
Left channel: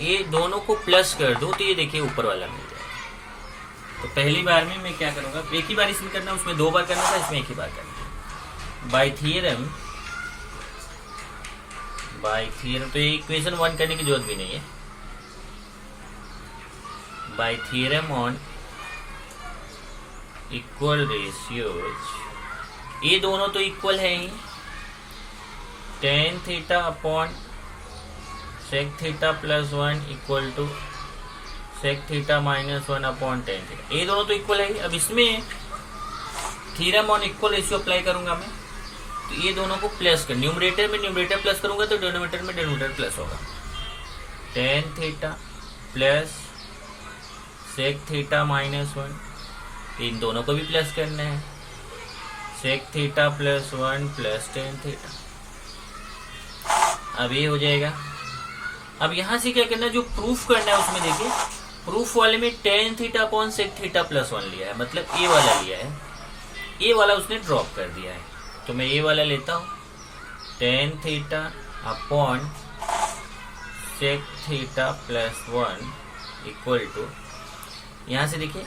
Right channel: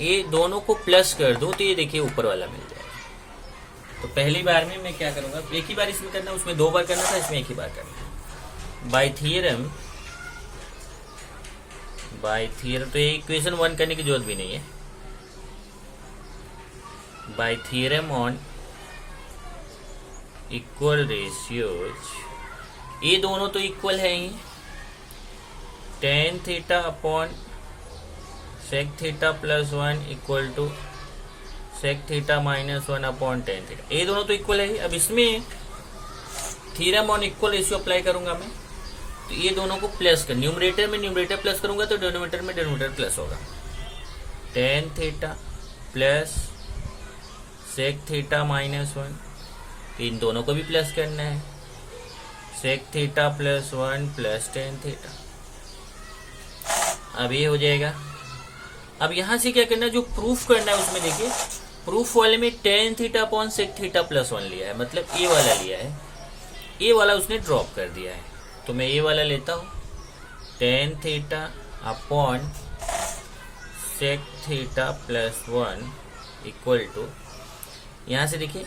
ये दोनों को प्लस कर दूं तो ये देखिए ऊपर वाला मिल जाएगा। तो पहली बार में मैं क्या करूंगा, एक ही बार इसमें करना, उसमें 2 बार करना था, इसमें एक ही बार करना। बाय थ्योरम तो ये इक्वेशन 1 करने की जरूरत भी नहीं है। By theorem on equal ratios, ये दोनों तो इक्वल है ही। tan theta upon sec theta plus 1 equal to sec theta minus 1 upon tan theta, ये दोनों तो इक्वल है ही। अब इसमें theorem on equal ratio apply करूंगा मैं, तो ये दोनों को प्लस कर, न्यूमरेटर में न्यूमरेटर प्लस करूंगा तो डिनोमिनेटर में डिनोमिनेटर प्लस होगा। tan theta plus sec theta minus 1, इन दोनों को भी प्लस करना है। sec theta plus 1 plus tan theta, अब ये हो जाएगा। अब यहां से क्या करना है, जो प्रूफ करना है उसमें देखिए प्रूफ वाले में tan theta upon sec theta plus 1 लिया है, मतलब ए वाला लिया है, ए वाला उसने ड्रॉप कर दिया है। तो मैं ये वाला लेता हूं, tan theta upon sec theta plus 1 equal to, यहां से देखिए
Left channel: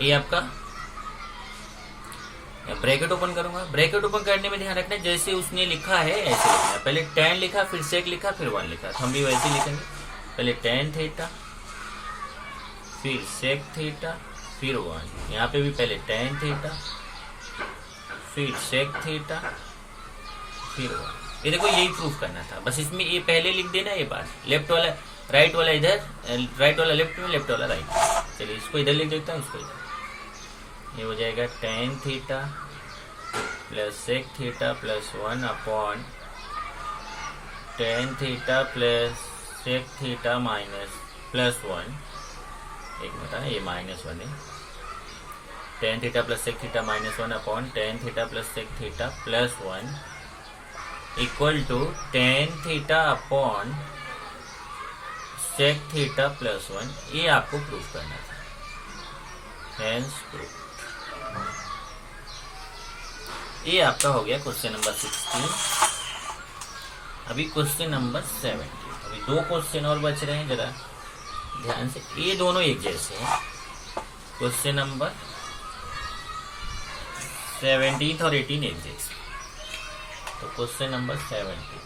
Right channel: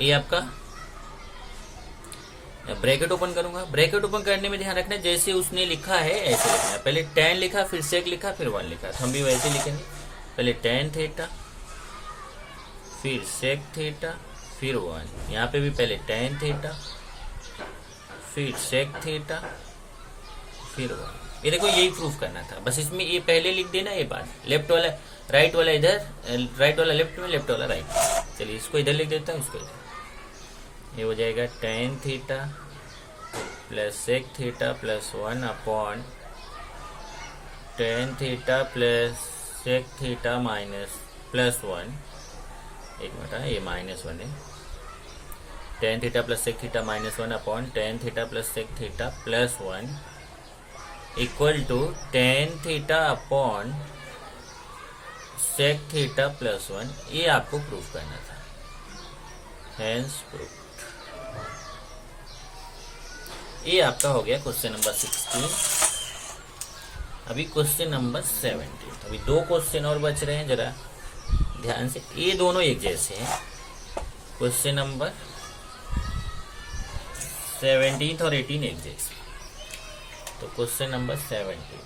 ये आपका ब्रैकेट ओपन करूंगा। ब्रैकेट ओपन करने में ध्यान रखना जैसे उसने लिखा है ऐसे लिखना है। पहले tan लिखा, फिर sec लिखा, फिर 1 लिखा, तो हम भी वैसे लिखेंगे। पहले tan थीटा, फिर sec थीटा, फिर 1। यहाँ पे भी पहले tan थीटा, फिर sec थीटा, फिर 1। ये देखो यही प्रूफ करना था, बस इसमें ये पहले लिख देना ये बात। लेफ्ट वाला राइट वाला इधर, राइट वाला लेफ्ट में, लेफ्ट वाला राइट। चलिए इसको इधर लिख देता हूँ, इसको इधर। ये हो जाएगा tan theta plus sec theta plus 1 upon tan theta plus sec theta minus plus 1। एक मिनट है, ये -1 है। tan theta plus sec theta minus 1 upon tan theta plus sec theta plus 1 equal to tan theta upon sec theta plus 1। ये आपको proof करना था, hence proof. ये आपका हो गया क्वेश्चन नंबर 16। अभी क्वेश्चन नंबर 17। अभी 2 क्वेश्चन और बच रहे हैं, जरा ध्यान से। ये दोनों एक जैसे हैं। क्वेश्चन नंबर 17 और 18 एक जैसे। तो question number 17,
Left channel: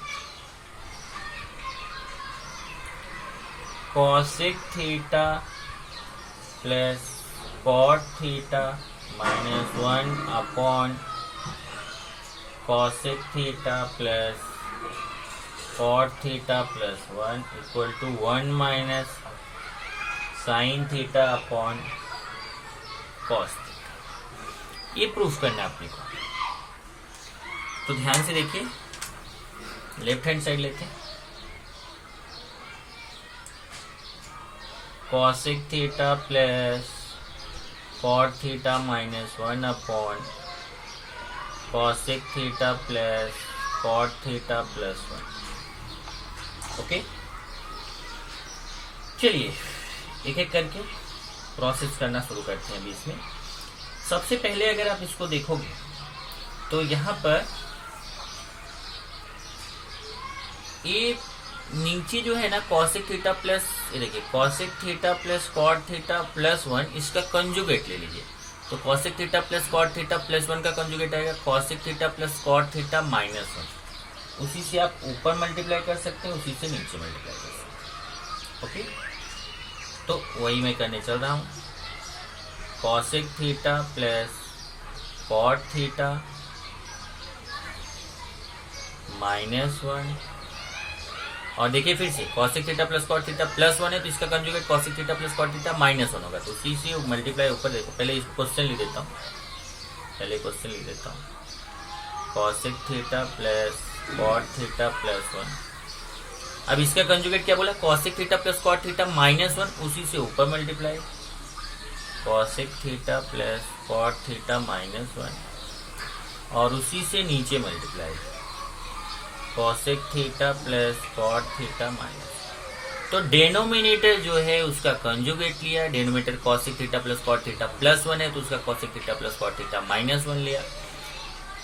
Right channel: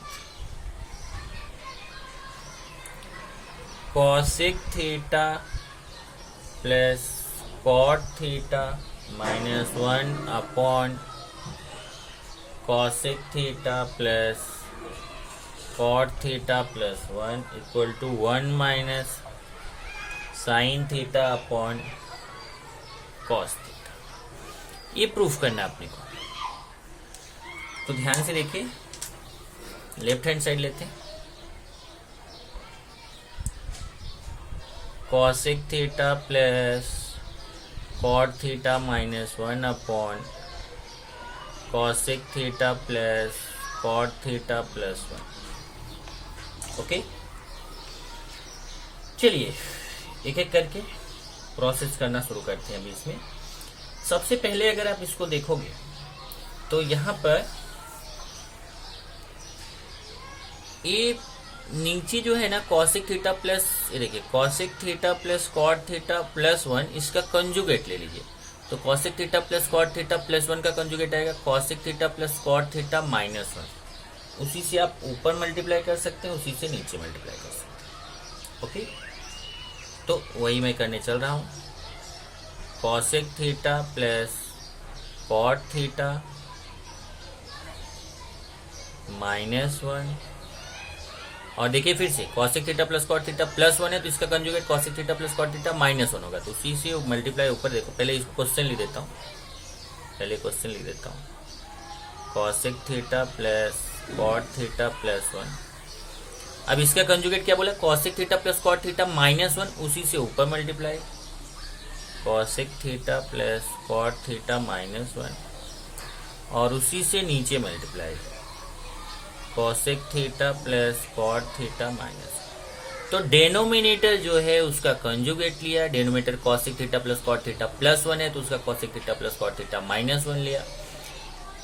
cosec theta plus cot theta minus 1 upon cosec theta plus cot theta plus 1 equal to 1 minus sine theta upon cos theta. ये प्रूफ करना अपने को। तो ध्यान से देखिए, लेफ्ट हैंड साइड लेते हैं। Cosec theta plus cot theta minus 1 upon cosec theta plus cot theta plus 1। Okay, चलिए एक एक करके प्रोसेस करना शुरू करते हैं। अभी इसमें सबसे पहले अगर आप इसको देखोगे तो यहाँ पर ये नीचे जो है ना कॉसेक थीटा प्लस, ये देखिए cosec theta plus cot theta plus 1, इसका कंजुगेट ले लीजिए। तो cosec theta plus cot theta plus 1 का कंजुगेट आएगा cosec theta plus cot theta minus 1। उसी से आप ऊपर मल्टीप्लाई कर सकते हैं, उसी से नीचे मल्टीप्लाई कर सकते हैं। ओके, तो वही मैं करने चल रहा हूँ। Cosec theta plus cot theta minus 1, और देखिए फिर से cosec theta plus cot theta plus 1 है, तो इसका conjugate cosec theta plus cot theta minus 1 होगा। तो उसी से मल्टीप्लाई ऊपर देखो। पहले इस क्वेश्चन लिख देता हूँ, cosec theta plus cot theta plus 1। अब इसका कंजुगेट क्या बोला, cosec theta plus cot theta minus 1, उसी से ऊपर multiply cosec theta plus cot theta minus 1, और उसी से नीचे multiply cosec theta plus cot theta minus. तो डेनोमिनेटर जो है उसका कंजुगेट लिया। Denominator cosec theta plus cot theta plus 1 है, तो उसका cosec theta plus cot theta minus 1 लिया।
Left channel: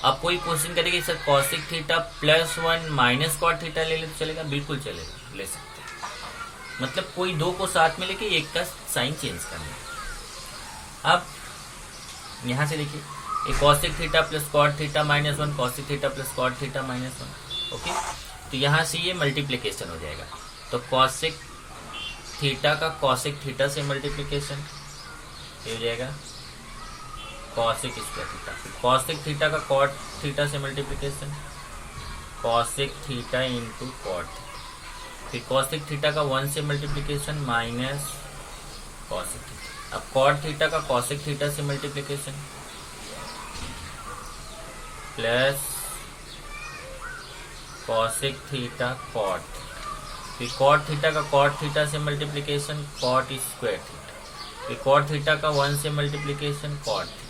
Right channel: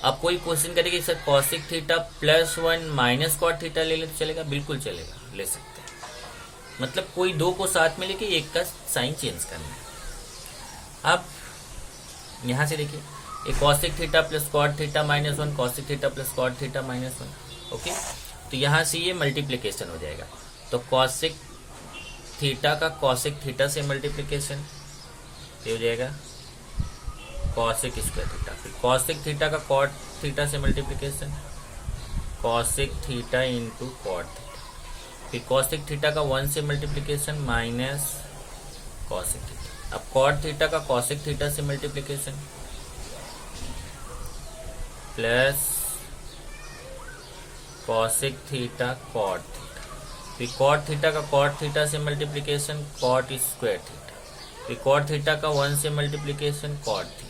अब कोई क्वेश्चन करेगा sir cosec theta plus 1 minus cot theta ले ले तो चलेगा? बिल्कुल चलेगा, ले सकते हैं। मतलब कोई 2 को साथ में लेके एक का साइन चेंज करना। अब यहां से देखिए, ये cosec theta plus cot theta minus 1, cosec theta plus cot theta minus 1। Okay, तो यहां से ये मल्टीप्लीकेशन हो जाएगा। तो कॉसेक थीटा का कॉसेक थीटा से मल्टीप्लीकेशन हो जाएगा कॉसेक स्क्वायर थीटा। फिर कॉसेक थीटा का कॉट थीटा से multiplication cosec theta into cot theta. फिर कॉसेक थीटा का 1 से मल्टीप्लीकेशन माइनस कॉसेक थीटा। अब कॉट थीटा का कॉसेक थीटा से multiplication plus cosec theta cot theta. फिर कॉट थीटा का कॉट थीटा से मल्टीप्लीकेशन कॉट स्क्वायर थीटा। फिर कॉट थीटा का 1 से मल्टीप्लीकेशन कॉट थीटा।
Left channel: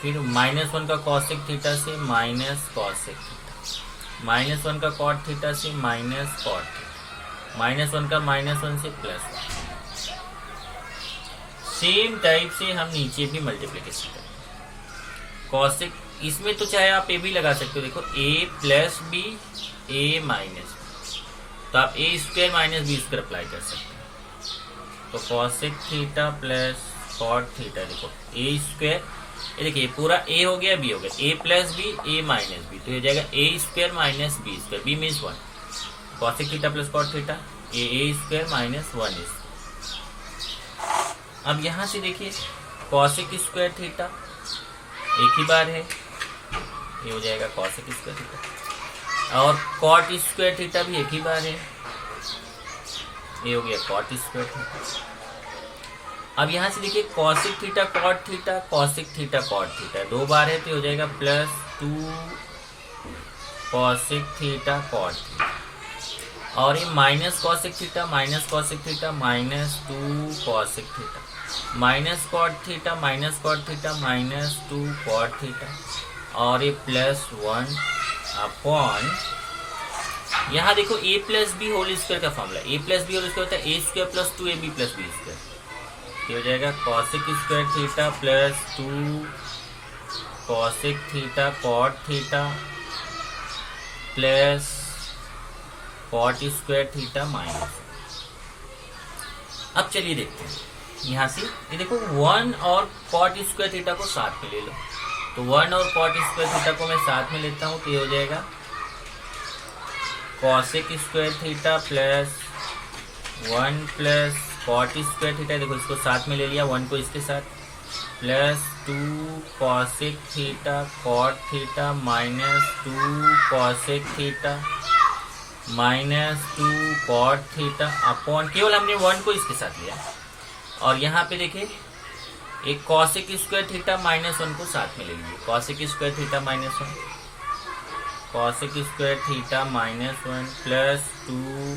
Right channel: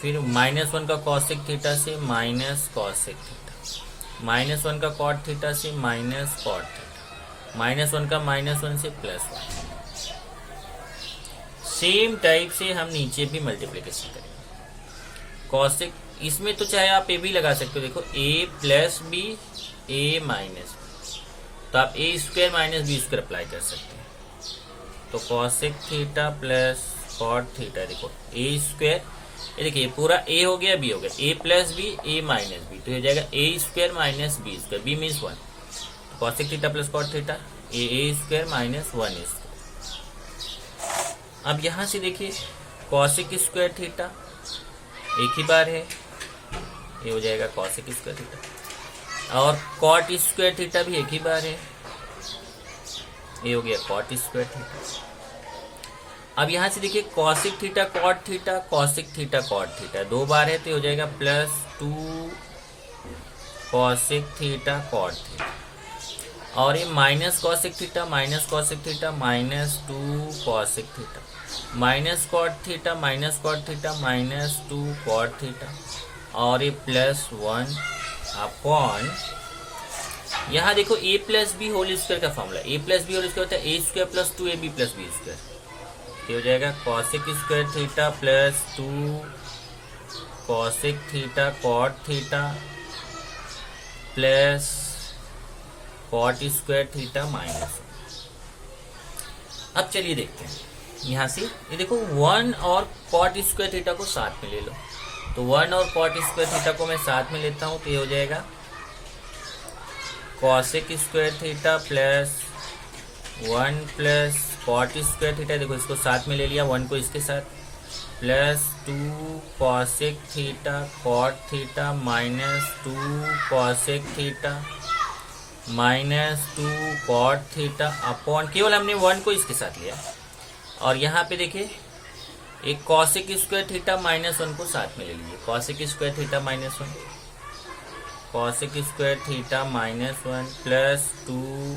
फिर -1 का कॉसेक थीटा से माइनस कॉसेक थीटा। -1 का कॉट थीटा से माइनस कॉट थीटा। -1 का -1 से +1। सेम टाइप से हम नीचे भी मल्टीप्लीकेशन करेंगे। कॉसेक इसमें तो चाहे आप ए भी लगा सकते हो। देखो a plus B A minus B, तो आप a square minus B square apply कर सकते हैं। तो cosec theta plus cot theta, देखो ए स्क्वायर ये देखिए पूरा ए हो गया, बी हो गया, ए प्लस बी, ए माइनस बी, तो ये जाएगा a square minus B square, b means 1, cosec theta plus cot theta, a square minus 1 square. अब यहां से देखिए कॉसेक स्क्वायर थीटा एक ही बार है, ये हो जाएगा कॉसेक स्क्वायर थीटा, और कॉट स्क्वायर थीटा भी एक ही बार है, ये हो गया कॉट स्क्वायर थीटा। अब यहां से देखिए cosec theta cot theta, cosec theta cot theta दो बार है, तो हो जाएगा plus 2 cosec theta cot theta, और ये minus cosec theta minus cosec theta minus 2 cosec theta, minus cot theta minus cot theta minus 2 cot theta, और ये प्लस 1 अपॉन, यहाँ देखो a plus B whole square का formula, a plus B whole square होता है a square plus 2ab plus B square, ये हो जाएगा cosec square theta plus 2 cosec theta cot theta plus cot square theta minus. अब चलिए देखते हैं यहां से, ये देखो 1 और कॉट स्क्वायर थीटा को साथ में ले लो, तो 1 और कॉट स्क्वायर थीटा को मैं साथ में लेता हूं, तो ये हो जाएगा cosec square theta plus 1 plus cot square theta, देखो इसको साथ में ले लिया 1 को इसके साथ, plus 2 cosec theta cot theta minus 2 cosec theta minus 2 cot theta upon, केवल हमने 1 को इसके साथ लिया, और यहाँ पे देखिए एक कॉसेक स्क्वायर थीटा माइनस 1 को साथ में ले लीजिए, cosec square theta minus 1, cosec square theta minus 1 plus 2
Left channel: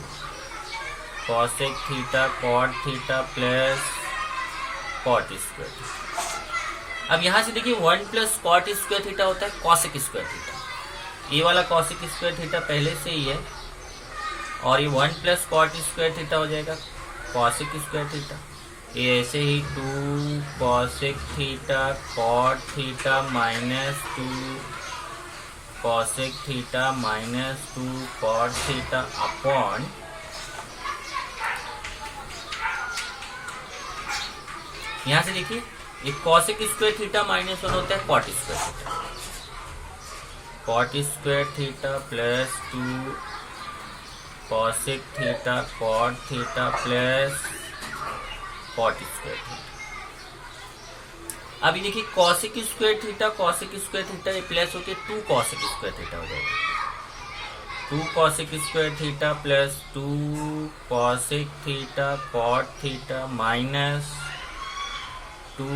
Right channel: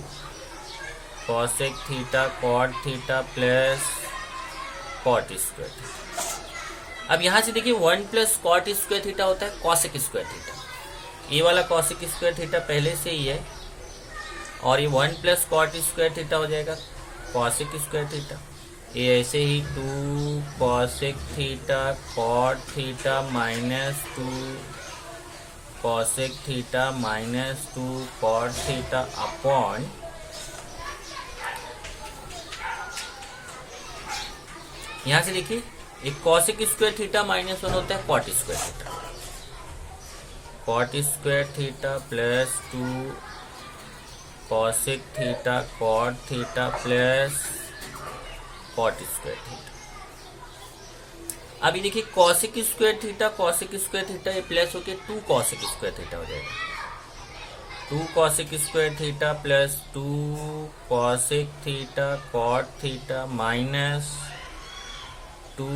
cosec theta cot theta plus cot square theta. अब यहां से देखिए 1 प्लस कॉट स्क्वायर थीटा होता है कॉसेक स्क्वायर थीटा, ये वाला कॉसेक स्क्वायर थीटा पहले से ही है, और ये 1 प्लस कॉट स्क्वायर थीटा हो जाएगा कॉसेक स्क्वायर थीटा, ये ऐसे ही 2 cosec theta cot theta minus 2 cosec theta minus 2 cot theta upon, यहां से देखिए एक कॉसेक स्क्वायर थीटा माइनस 1 होता है cot square theta, cot square theta plus 2 cosec theta cot theta plus cot square theta. अभी देखिए कॉसेक स्क्वायर थीटा ये plus होके 2 कॉसेक स्क्वायर थीटा हो जाएगा, 2 cosec square theta plus 2 cosec theta cot theta minus 2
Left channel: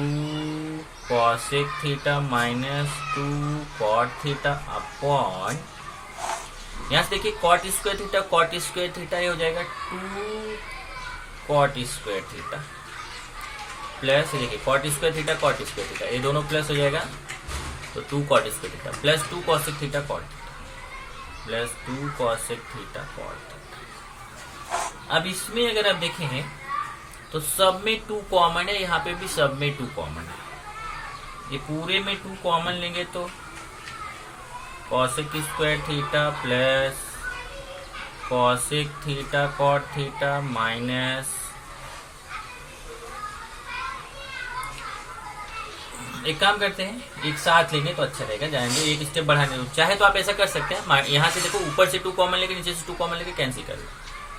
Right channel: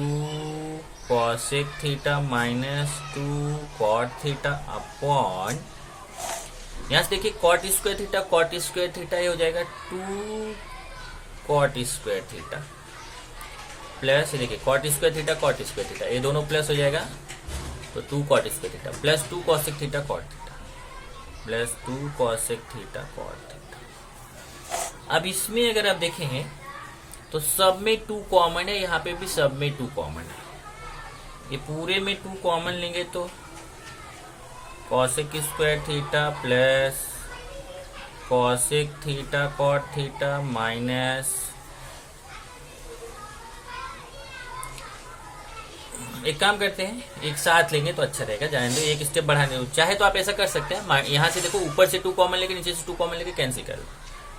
cosec theta minus 2 cot theta upon, यहां से देखिए cot square theta ये हो जाएगा 2 कॉट स्क्वायर थीटा प्लस, देखिए कॉट स्क्वायर थीटा ये दोनों प्लस हो जाएगा, तो 2 cot square theta plus 2 cosec theta cot theta plus 2 cosec theta cot theta. अब इसमें अगर आप देखें तो सब में 2 कॉमन है, यहाँ पे भी सब में 2 कॉमन है, ये पूरे में 2 कॉमन लेंगे तो cosec square theta plus cosec theta cot theta minus, एक काम करते हैं एक साथ लेंगे तो अच्छा रहेगा, जाएंगे एक स्टेप बढ़ाने, चाहे तो आप ऐसा कर सकते हैं, यहाँ से देखो ऊपर से 2 कॉमन लेके नीचे से 2 कॉमन लेके कैंसिल कर लो,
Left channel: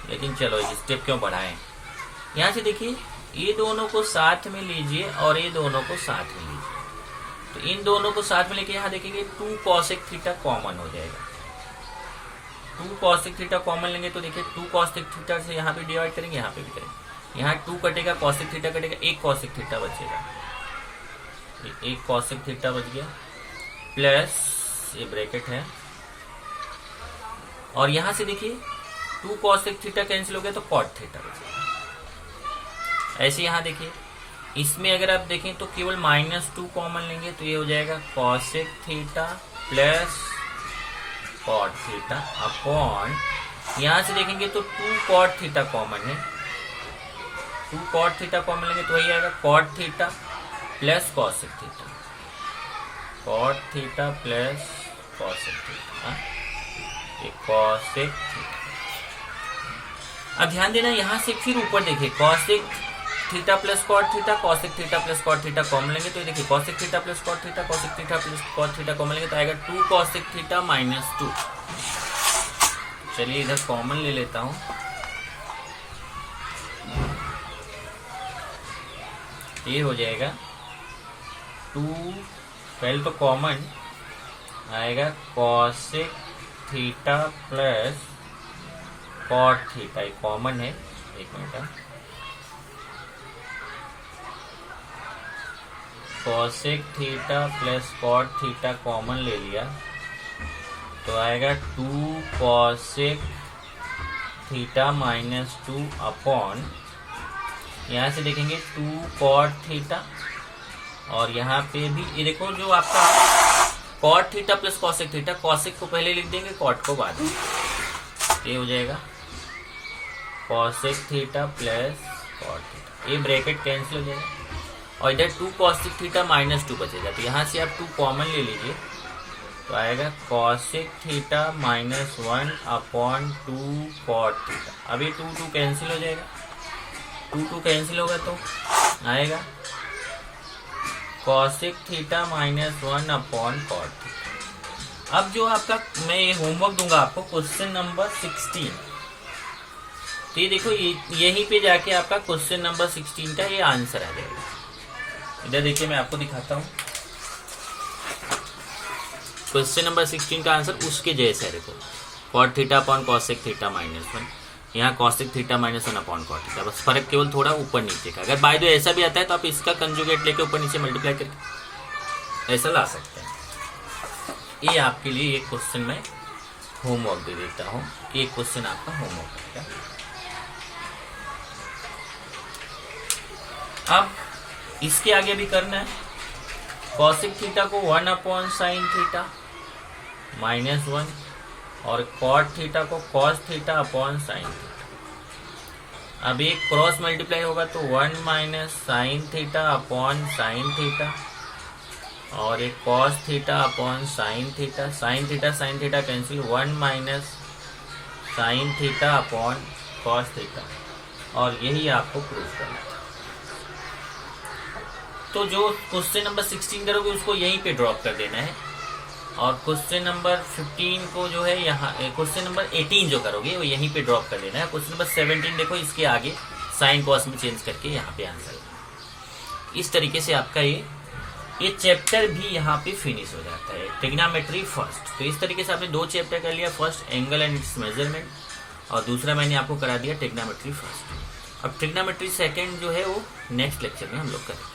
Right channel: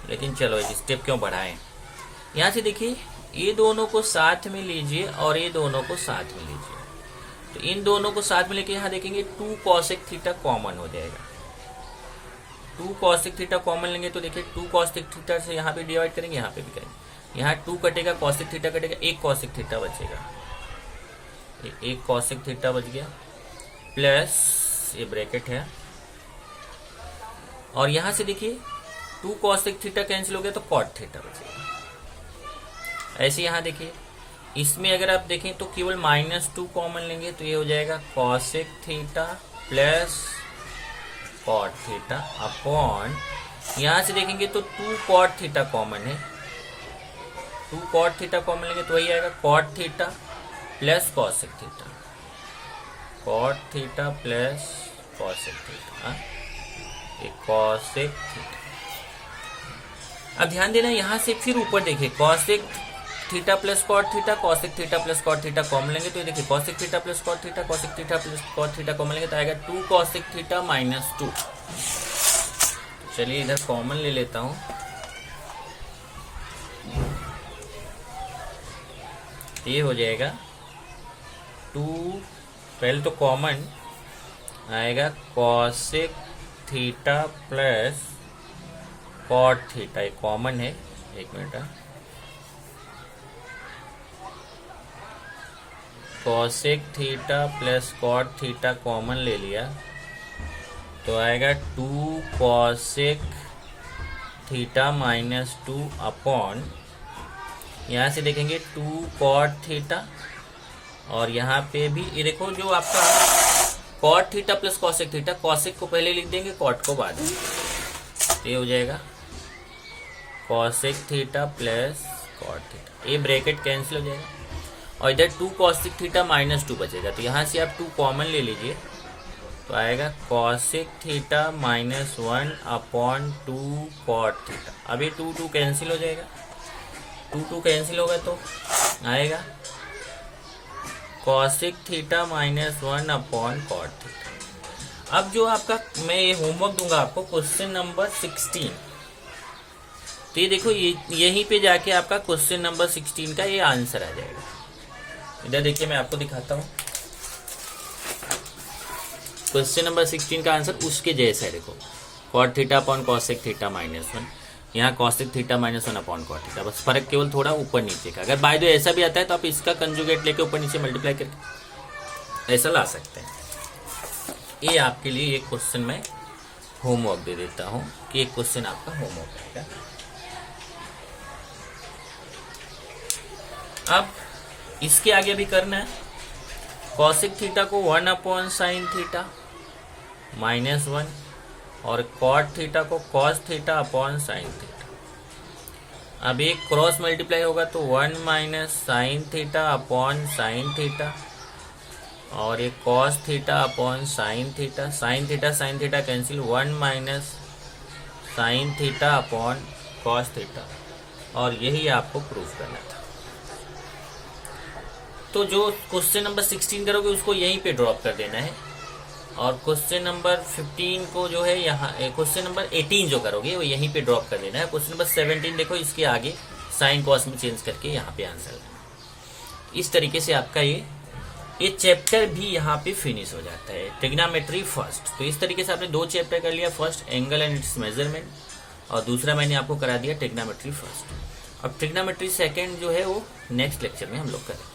लेकिन चलो एक स्टेप क्यों बढ़ाएं, यहाँ से देखिए ये दोनों को साथ में लीजिए और ये दोनों को साथ में लीजिए, तो इन दोनों को साथ में लेके यहाँ देखेंगे 2 कॉसेक थीटा कॉमन हो जाएगा, 2 कॉसेक थीटा कॉमन लेंगे तो देखिए 2 कॉसेक थीटा से यहाँ पे डिवाइड करेंगे, यहाँ पे भी करेंगे, यहाँ 2 कटेगा कॉसेक थीटा कटेगा, 1 कॉसेक थीटा बचेगा, 1 कॉसेक थीटा बच गया प्लस ये ब्रैकेट है, और यहां से देखिए 2 कॉसेक थीटा कैंसिल हो गया तो कॉट थीटा बचेगा। ऐसे यहां देखिए इसमें अगर आप देखें तो केवल -2 कॉमन लेंगे तो ये हो जाएगा cosec theta plus cot theta upon, यहां से देखेंगे तो 2 कॉट थीटा कॉमन है, 2 कॉट थीटा कॉमन लेंगे तो वही आएगा cot theta plus cosec theta, cot theta plus cosec theta, cosec theta. अब ध्यान देना यहां से फिर ऊपर देखिए cosec theta plus cot theta, cosec theta plus cot theta common लेंगे तो ये देखिए cosec theta plus cot theta, cosec theta plus cot theta common लेंगे तो आएगा 2 कॉसेक थीटा माइनस 2। चलिए इधर कॉमन ले लेता हूं, ये हो जाएगा 2, पहले तो कॉमन आएगा cosec theta plus cot theta, ये कॉमन है, एक minute, cosec theta plus cot theta common ले लिया तो आएगा 2 कॉसेक थीटा माइनस 2 अपॉन, यहां से देखेंगे 2 कॉट थीटा, और यहाँ पे भी ये देखो जो आपका cot theta plus cosec theta, cosec को पहले लिख देंगे कॉट को बाद में, ये हो जाएगा cosec theta plus cot theta, ये ब्रैकेट कैंसिल हो जाएगा और इधर 2 कॉसेक थीटा माइनस 2 बचेगा, तो यहाँ से आप 2 कॉमन ले लीजिए तो आएगा cosec theta minus 1 upon 2 cot theta. अभी 2 कैंसिल हो जाएगा, 2 कैंसिल होगा तो आएगा cosec theta minus 1 upon cot theta. अब जो आपका मैं ये होमवर्क दूंगा आपको क्वेश्चन नंबर 16, तो ये देखो यहीं पे जाके आपका क्वेश्चन नंबर 16 का ये आंसर आ जाएगा। इधर देखिए मैं आपको दिखाता हूँ क्वेश्चन नंबर 16 का आंसर उसके जैसा है, देखो cot theta upon cosec theta minus 1, यहाँ cosec theta minus 1 upon cot theta, बस फर्क केवल थोड़ा ऊपर नीचे का। अगर बाय द वे ऐसा भी आता है तो आप इसका कंजुगेट लेके ऊपर नीचे मल्टीप्लाई करके ऐसा ला सकते हैं। ये आपके लिए एक क्वेश्चन में होमवर्क दे देता हूँ कि एक क्वेश्चन आपका होमवर्क रहेगा। अब इसके आगे भी करना है, कॉसेक थीटा को 1 अपॉन साइन थीटा माइनस 1 और कॉट थीटा को cos theta upon sine theta. अब एक क्रॉस मल्टीप्लाई होगा तो 1 minus sine theta upon sine theta और एक cos theta upon sine theta, sine theta cancel, 1 minus sine theta upon cos theta, और यही आपको प्रूफ करना था। तो जो क्वेश्चन नंबर 16 करोगे उसको यहीं पे ड्रॉप कर देना है, और क्वेश्चन नंबर 15 को जो है यहाँ, क्वेश्चन नंबर 18 जो करोगे वो यहीं पे ड्रॉप कर देना है। क्वेश्चन नंबर 17 देखो इसके आगे साइन कॉस में चेंज करके यहाँ पे आंसर है। इस तरीके से आपका ये चैप्टर भी यहाँ पे फिनिश हो जाता है, ट्रिग्नोमेट्री फर्स्ट। तो इस तरीके से आपने 2 चैप्टर कर लिया, first angle and it's measurement और दूसरा मैंने आपको करा दिया ट्रिग्नोमेट्री फर्स्ट। अब ट्रिग्नोमेट्री सेकंड जो है वो नेक्स्ट लेक्चर में हम लोग करेंगे।